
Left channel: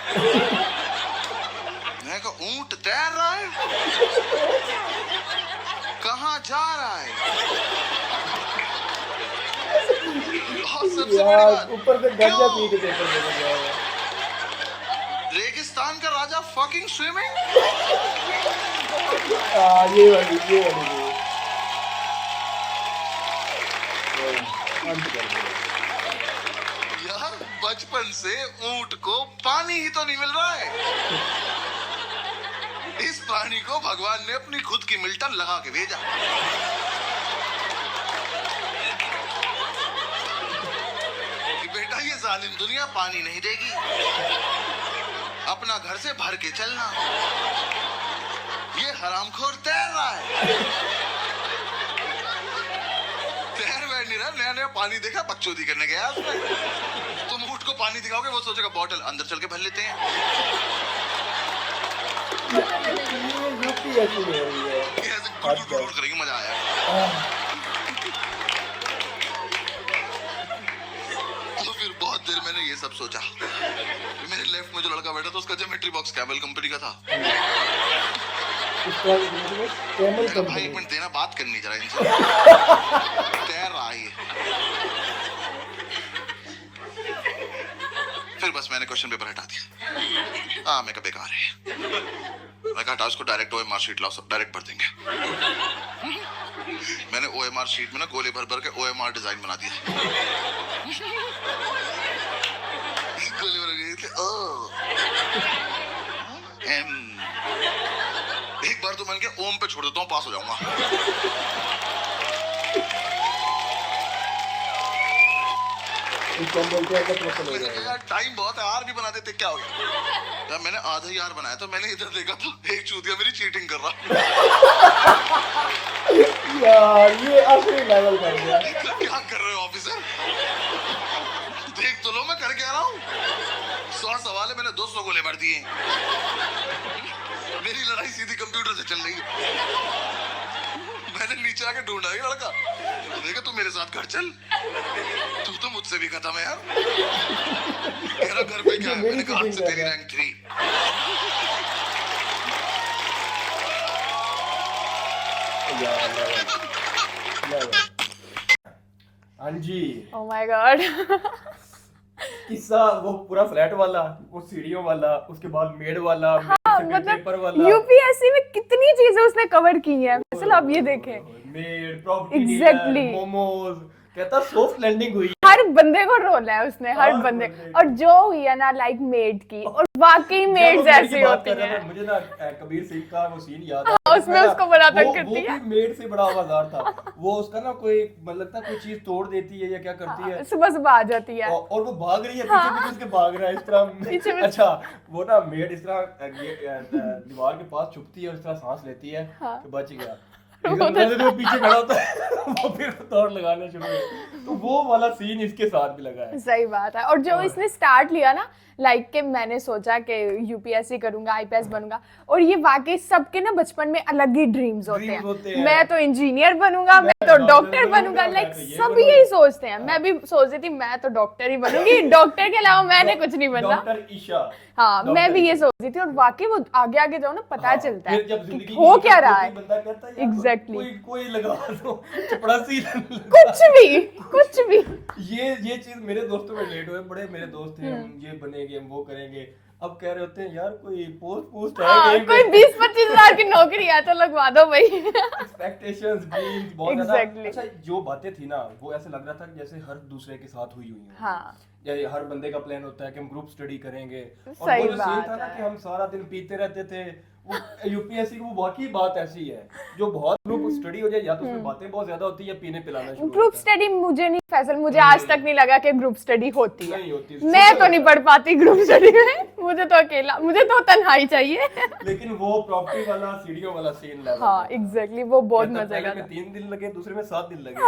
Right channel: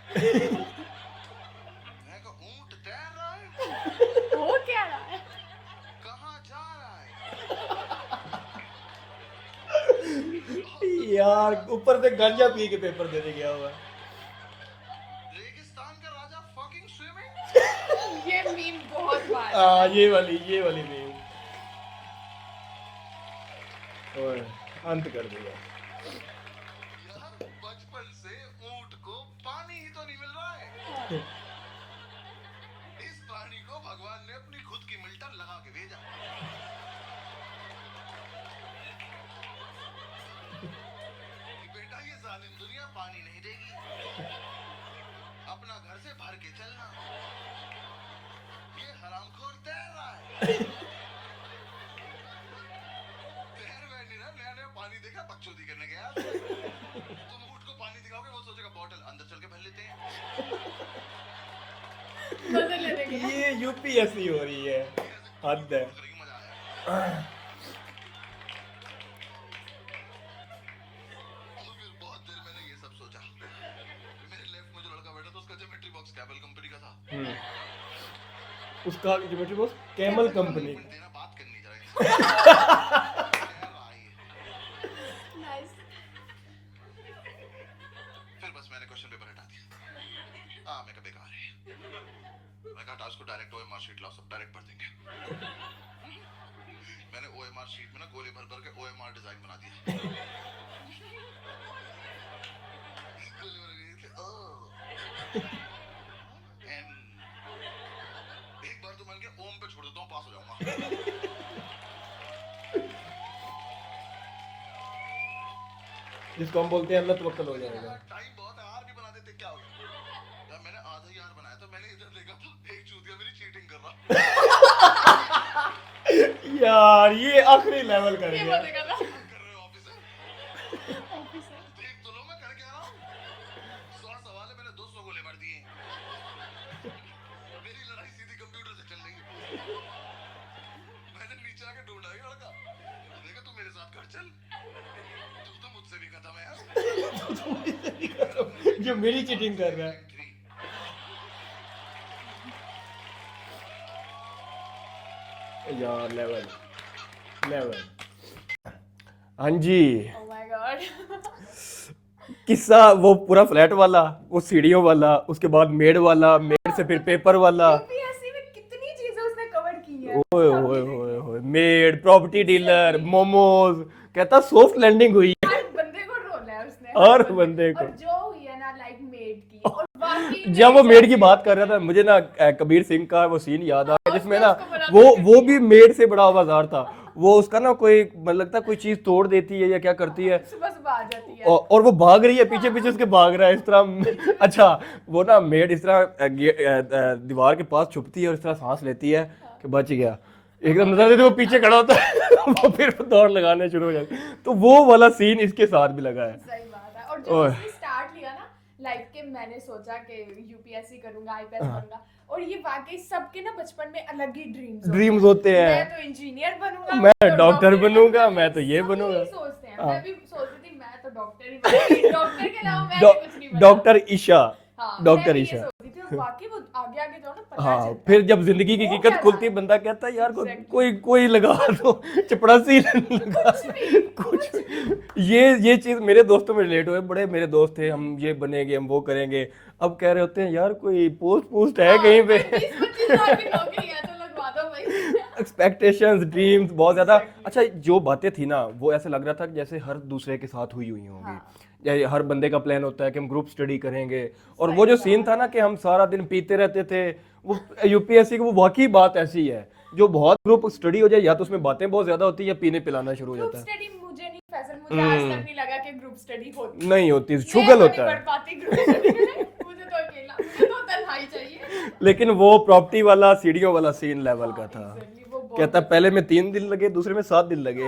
मैं कहा ऊंट तैर रहा है? कहाँ जा रहा है? और सबसे बड़ी बात, ऊपर से गंजा पी के देखो। रेगिस्तान का राजा फकिंग स्विमिंग। ये वाली अंत कर दिया यार, बचपन से ऊंट को पानी ही तो नहीं मिल रहा है। इस पानी को भगवान ने अपनी खुद की मिल्टन लगा के भेजा। कि बेटा ये जालिम दुनिया पानी नहीं देगी, अपना घर से भर के चलना। ये हरामखोर तैर रहा है। तैर बैठ नहीं रहा, नया नया पानी देखा बकचोदी करने गया। तुम ऊंट को पानी दिखाओगे, वो सोचेगा बॉटल, अंदर चल के भर लेते हैं। ये यूपीएससी में हुई है। करेंगे, मजा आया। तो फिर बहुत देर मैंने ये सब सोचा। मेरे लेफ्ट में जो लड़का बैठा था उसका ज्योमेट्री बॉक्स कैमल कंपनी का था। कैमल भाई कंपनी। एक मिनट देना, बात करनी जरा इनसे। तैर रहा है ये। फिर बस मैंने क्वेश्चन पेपर हटा दिया। हाँ, मैं कहा बेकार है। मैं कहा उसको डायरेक्ट ओएमआर शीट लाओ, सब डायरेक्ट भर देंगे। मैंने ओएमआर शीट में ना गोले भर भर के ओएमआर डिजाइन बना दिया। गोले भर के ओ एम। एक बार तो मैंने कहा ओम पे छोड़ देता हूँ, पास हो जाऊंगा। टाइम बहुत है, आर भी बना देते, क्या हो गया? जब मैंने आधा ही आर बनाया तो मैंने इधर देखा तो एक चूतिया मेरी चीटिंग कर रहा। यार ये असली लेवल कर दिया। क्या कर रहे हो ऑफिसर? देख तो लो मैं कर क्या रहा हूँ। 100 सवाल है, मैंने 200 गोले भर दिए। मेरी लड़ाई सीधी कंप्यूटर से चल रही है। मैंने नीचे आके ढूंढा ये लड़का, देखा तू मेरे साथ घर चल, तू तो मुझसे भी खत्म है यार। मेरा घर पे क्या, मैंने कहा आज से तेरी रैंक 3। यार लेवल। हाँ जी, Oh my God. किस्सा वो पूरा फ्लैट वाला, वो सीढ़ियों वाला, उसके बाद मेड वाला, मेड से फिर पेपर वाला। यूपीएससी में कितनी चीजें चीजें उसने कवर की हैं, सिर्फ आप ये देखें। Made, property dealer, Exactly. Momos, कहता सॉफ्ट लैंडिंग हुई। हर बंदे को रोल है उसने, हर बंदे को। और जो हुई है ना लाइक मेड की, और वाकई में जब वो मेड की बात कर रहा था, मुझे ना कबीर सिंह का वो सीन याद आया, जिसमें ना वो भी मेड से बड़ा आवाज़ार था। वो उसका ना कोई मतलब लगता है कोई चीज तोड़ देती है या क्या करती है, सुबह सुबह आ जाती है और वो भाग रही है, पीछे पीछे उसके भाग रहा है इस तरह। अच्छा, वो ना मेड इस तरह दीवार के पास छुपती है और इस तरह सांस लेती है कि बच गया, एकदम नजर से वो पीछे खड़ा होता है, वो फिर दौड़ लगाने शुरू हो जाती है। तो वो वाला सीन इसके साथ भी लगा है। सही बात है। और जो इसने स्टार्ट लिया ना लाइक के मैंने सोचा कि यूपीएससी करूंगा, आईपीएस बनूंगा, और ये वाकई सबके ना बचपन में अलग ही ड्रीम्स होते हैं। मैं तो इंजीनियर बनूंगा, मैं तो डॉक्टर बनूंगा, मैं तो ये बनूंगा। सभी यही सोचते हैं। मैं भी सोच रही थी मैं तो डॉक्टर ही बनूंगी, डॉक्टर के अलावा मैंने कुछ नहीं बना। डॉक्टर ईशा, हाँ, मैं भी ये सोच रही थी। और वाकई वो आगे आगे जाओ ना पता चलता है। फिर जब जिंदगी की हकीकत खुलती है, बंदा कहता है यार कोई लगा दो चपड़ासी, कुछ भी। ये चीज मेरे दोस्तों में रिलेट हुए। बड़े मेरे दोस्त थे, हम ये बनेंगे, हम वो करेंगे। अब कह रहे होते हैं यार कोई पोस्ट है कहीं पे, कोई 20-25 हजार की नौकरी है तो लगवा दो भाई। एक्सपेक्टेशंस, ड्रीम्स बहुत ज्यादा। अच्छा, जो बातें थी ना वो ऐसे लग रहा था जैसे हर दूसरे के साथ हुई होंगी। या हर बंदे का प्लान होता है कि हम ग्रुप स्टडी करेंगे, और वो जो सीन था ना कि हम सारा दिन पीते रहते थे, वो यूपीएससी की वो वाकई बात ऐसी है जो बहुत ग्रुप स्टडी हो जाए, या तो उसमें बातें बहुत ज्यादा होती है या पीने पिलाना शुरू हो ग्रुप स्टडी मुझे नहीं फैसल, मुझे आज तक नहीं लगा कि ग्रुप स्टडी होती नहीं होती। मैं तो नहीं पढ़ पाती ग्रुप स्टडी में, मुझे तो अकेला, मुझे तो तन्हाई चाहिए। लेकिन वो प्रॉपर्टी वाला सीढ़ियों वाला सीन लेवल हाँ, एग्जैक्टली, वो बहुत कहता पहले में 3 दिन लगे, दूसरे में 7 दिन लगे,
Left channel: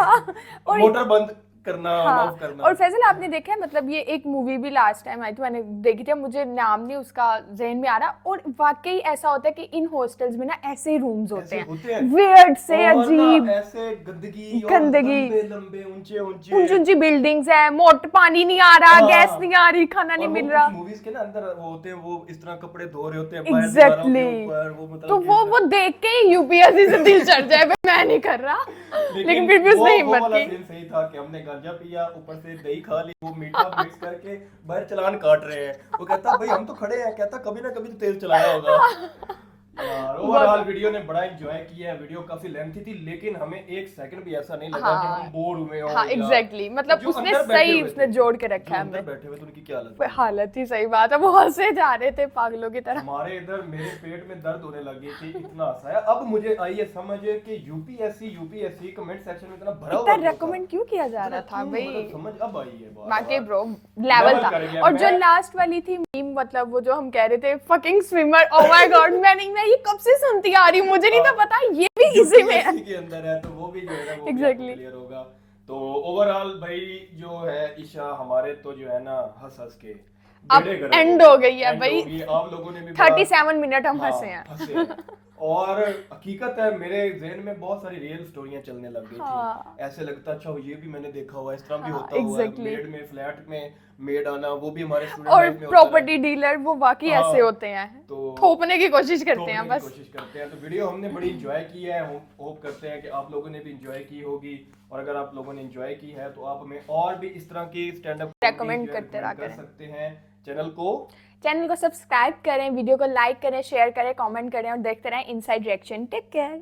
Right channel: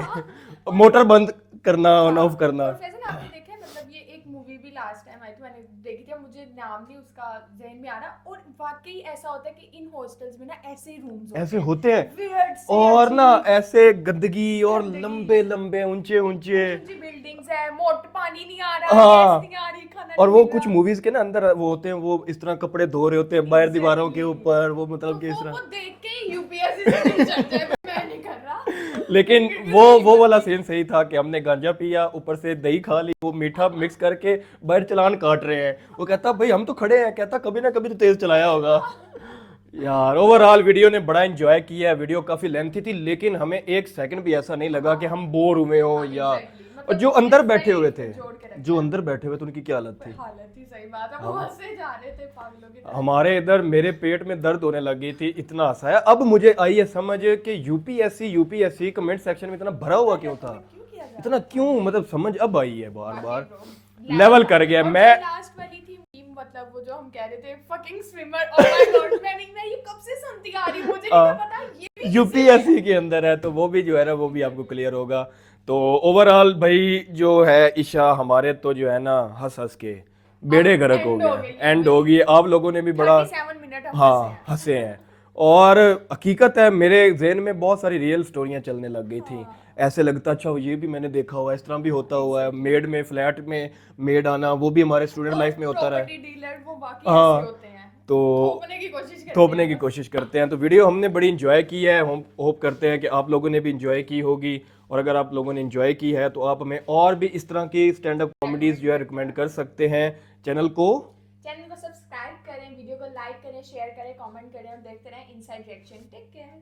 मोटर बंद करना, ऑन ऑफ करना। और फैसल आपने देखा है, मतलब ये एक मूवी भी लास्ट टाइम आई थी, मैंने देखी थी, मुझे नाम नहीं उसका ज़हन में आ रहा, और वाकई ऐसा होता है कि इन हॉस्टल्स में ना ऐसे ही रूम्स होते हैं वियर्ड से, और ना ऐसे गंदगी और लंबे लंबे ऊंचे ऊंची बिल्डिंग्स है, मोटर पानी नहीं आ रहा, गैस नहीं आ रही, खाना नहीं मिल रहा। और वो कुछ मूवीज के ना अंदर वो होते हैं, वो इस तरह कपड़े धो रहे होते हैं बाहर दीवारों के ऊपर, वो मतलब तो वो देख के यूपीएससी से दिल चढ़ जाए, मैं नहीं कर रहा। लेकिन वो वाला सीन सही था कि हमने गांजा पिया, ऊपर से दही खा ली, वो मीठा मिक्स करके बाहर चलान काट रहे हैं। वो कहता भाई हम तो खड़े हैं, कहता कभी ना कभी तो तेज चलाया होगा। यार ओवरऑल वीडियो ने बड़ा एंजॉय किया है। वीडियो काफी लेंथी थी, लेकिन हमें एक सेकंड भी ऐसा नहीं लगा कि हम बोर हुए हों। हाँ, एग्जैक्टली, मतलब जो अंदर बैठे हुए थे, जोड़ के रखा, जो अंदर बैठे हुए थे उनकी क्या हालत थी। सही बात है, वो हंसे जा रहे थे पागलों की तरह। हमारे इधर मेरे पेट में दर्द होने लगी थी, इतना हंसाया। अब मुझे आई है समझ कि यूपीएससी कमेंट सेक्शन में इतना भरा हुआ रेकमेंड क्यों किया जा रहा था, क्यों, मतलब समझ अब आई है, बाकी ब्रो लेवल कर गया। और जो लास्ट वाली थी मीम, मतलब वो जो हम कह रहे थे fucking swimmer, oh my God, मैं ये कब से सुनती आ रही हूं, मुझे नहीं था पता ये भी यूपीएससी के अंदर है, तो वो भी जो है ना वो भी आपको क्लियर होगा। तो ओवरऑल भाई जो है ईशा, हमारे तो जो है ना हंस हंस के बेड़े गर्क एंड हो गई है, एंड हो गई। आप लोगों ने भी 37 मिनट हम हंसे हैं। और हकीकत है मेरे ज़हन में बहुत सारी रियल स्टोरियां चलने लग गई थी। ऐसे लगता अच्छा ये भी मैंने देखा हुआ है, इस तरह भी होता हुआ है। मेड में फ्लैट में मेड आना, वो भी हमारे स्टूडेंट लाइफ में होता है। प्रॉपर्टी डीलर वो वाकई ऐसे होते हैं, तो थोपने की कोशिश करते हैं। तो वीडियो हमने बड़ी एंजॉय की है, हम होप करते हैं कि आप लोगों ने भी एंजॉय की होगी। और अगर आप लोगों ने एंजॉय की है तो आप हमें और भी इस तरह की स्टैंड अप कॉमेडीज जो है रिकमेंड कर सकते हैं। चैनल को सब्सक्राइब करें, वीडियो को लाइक करें, शेयर करें, कमेंट करें और देखते रहें इनसाइड रिएक्शन। Take care.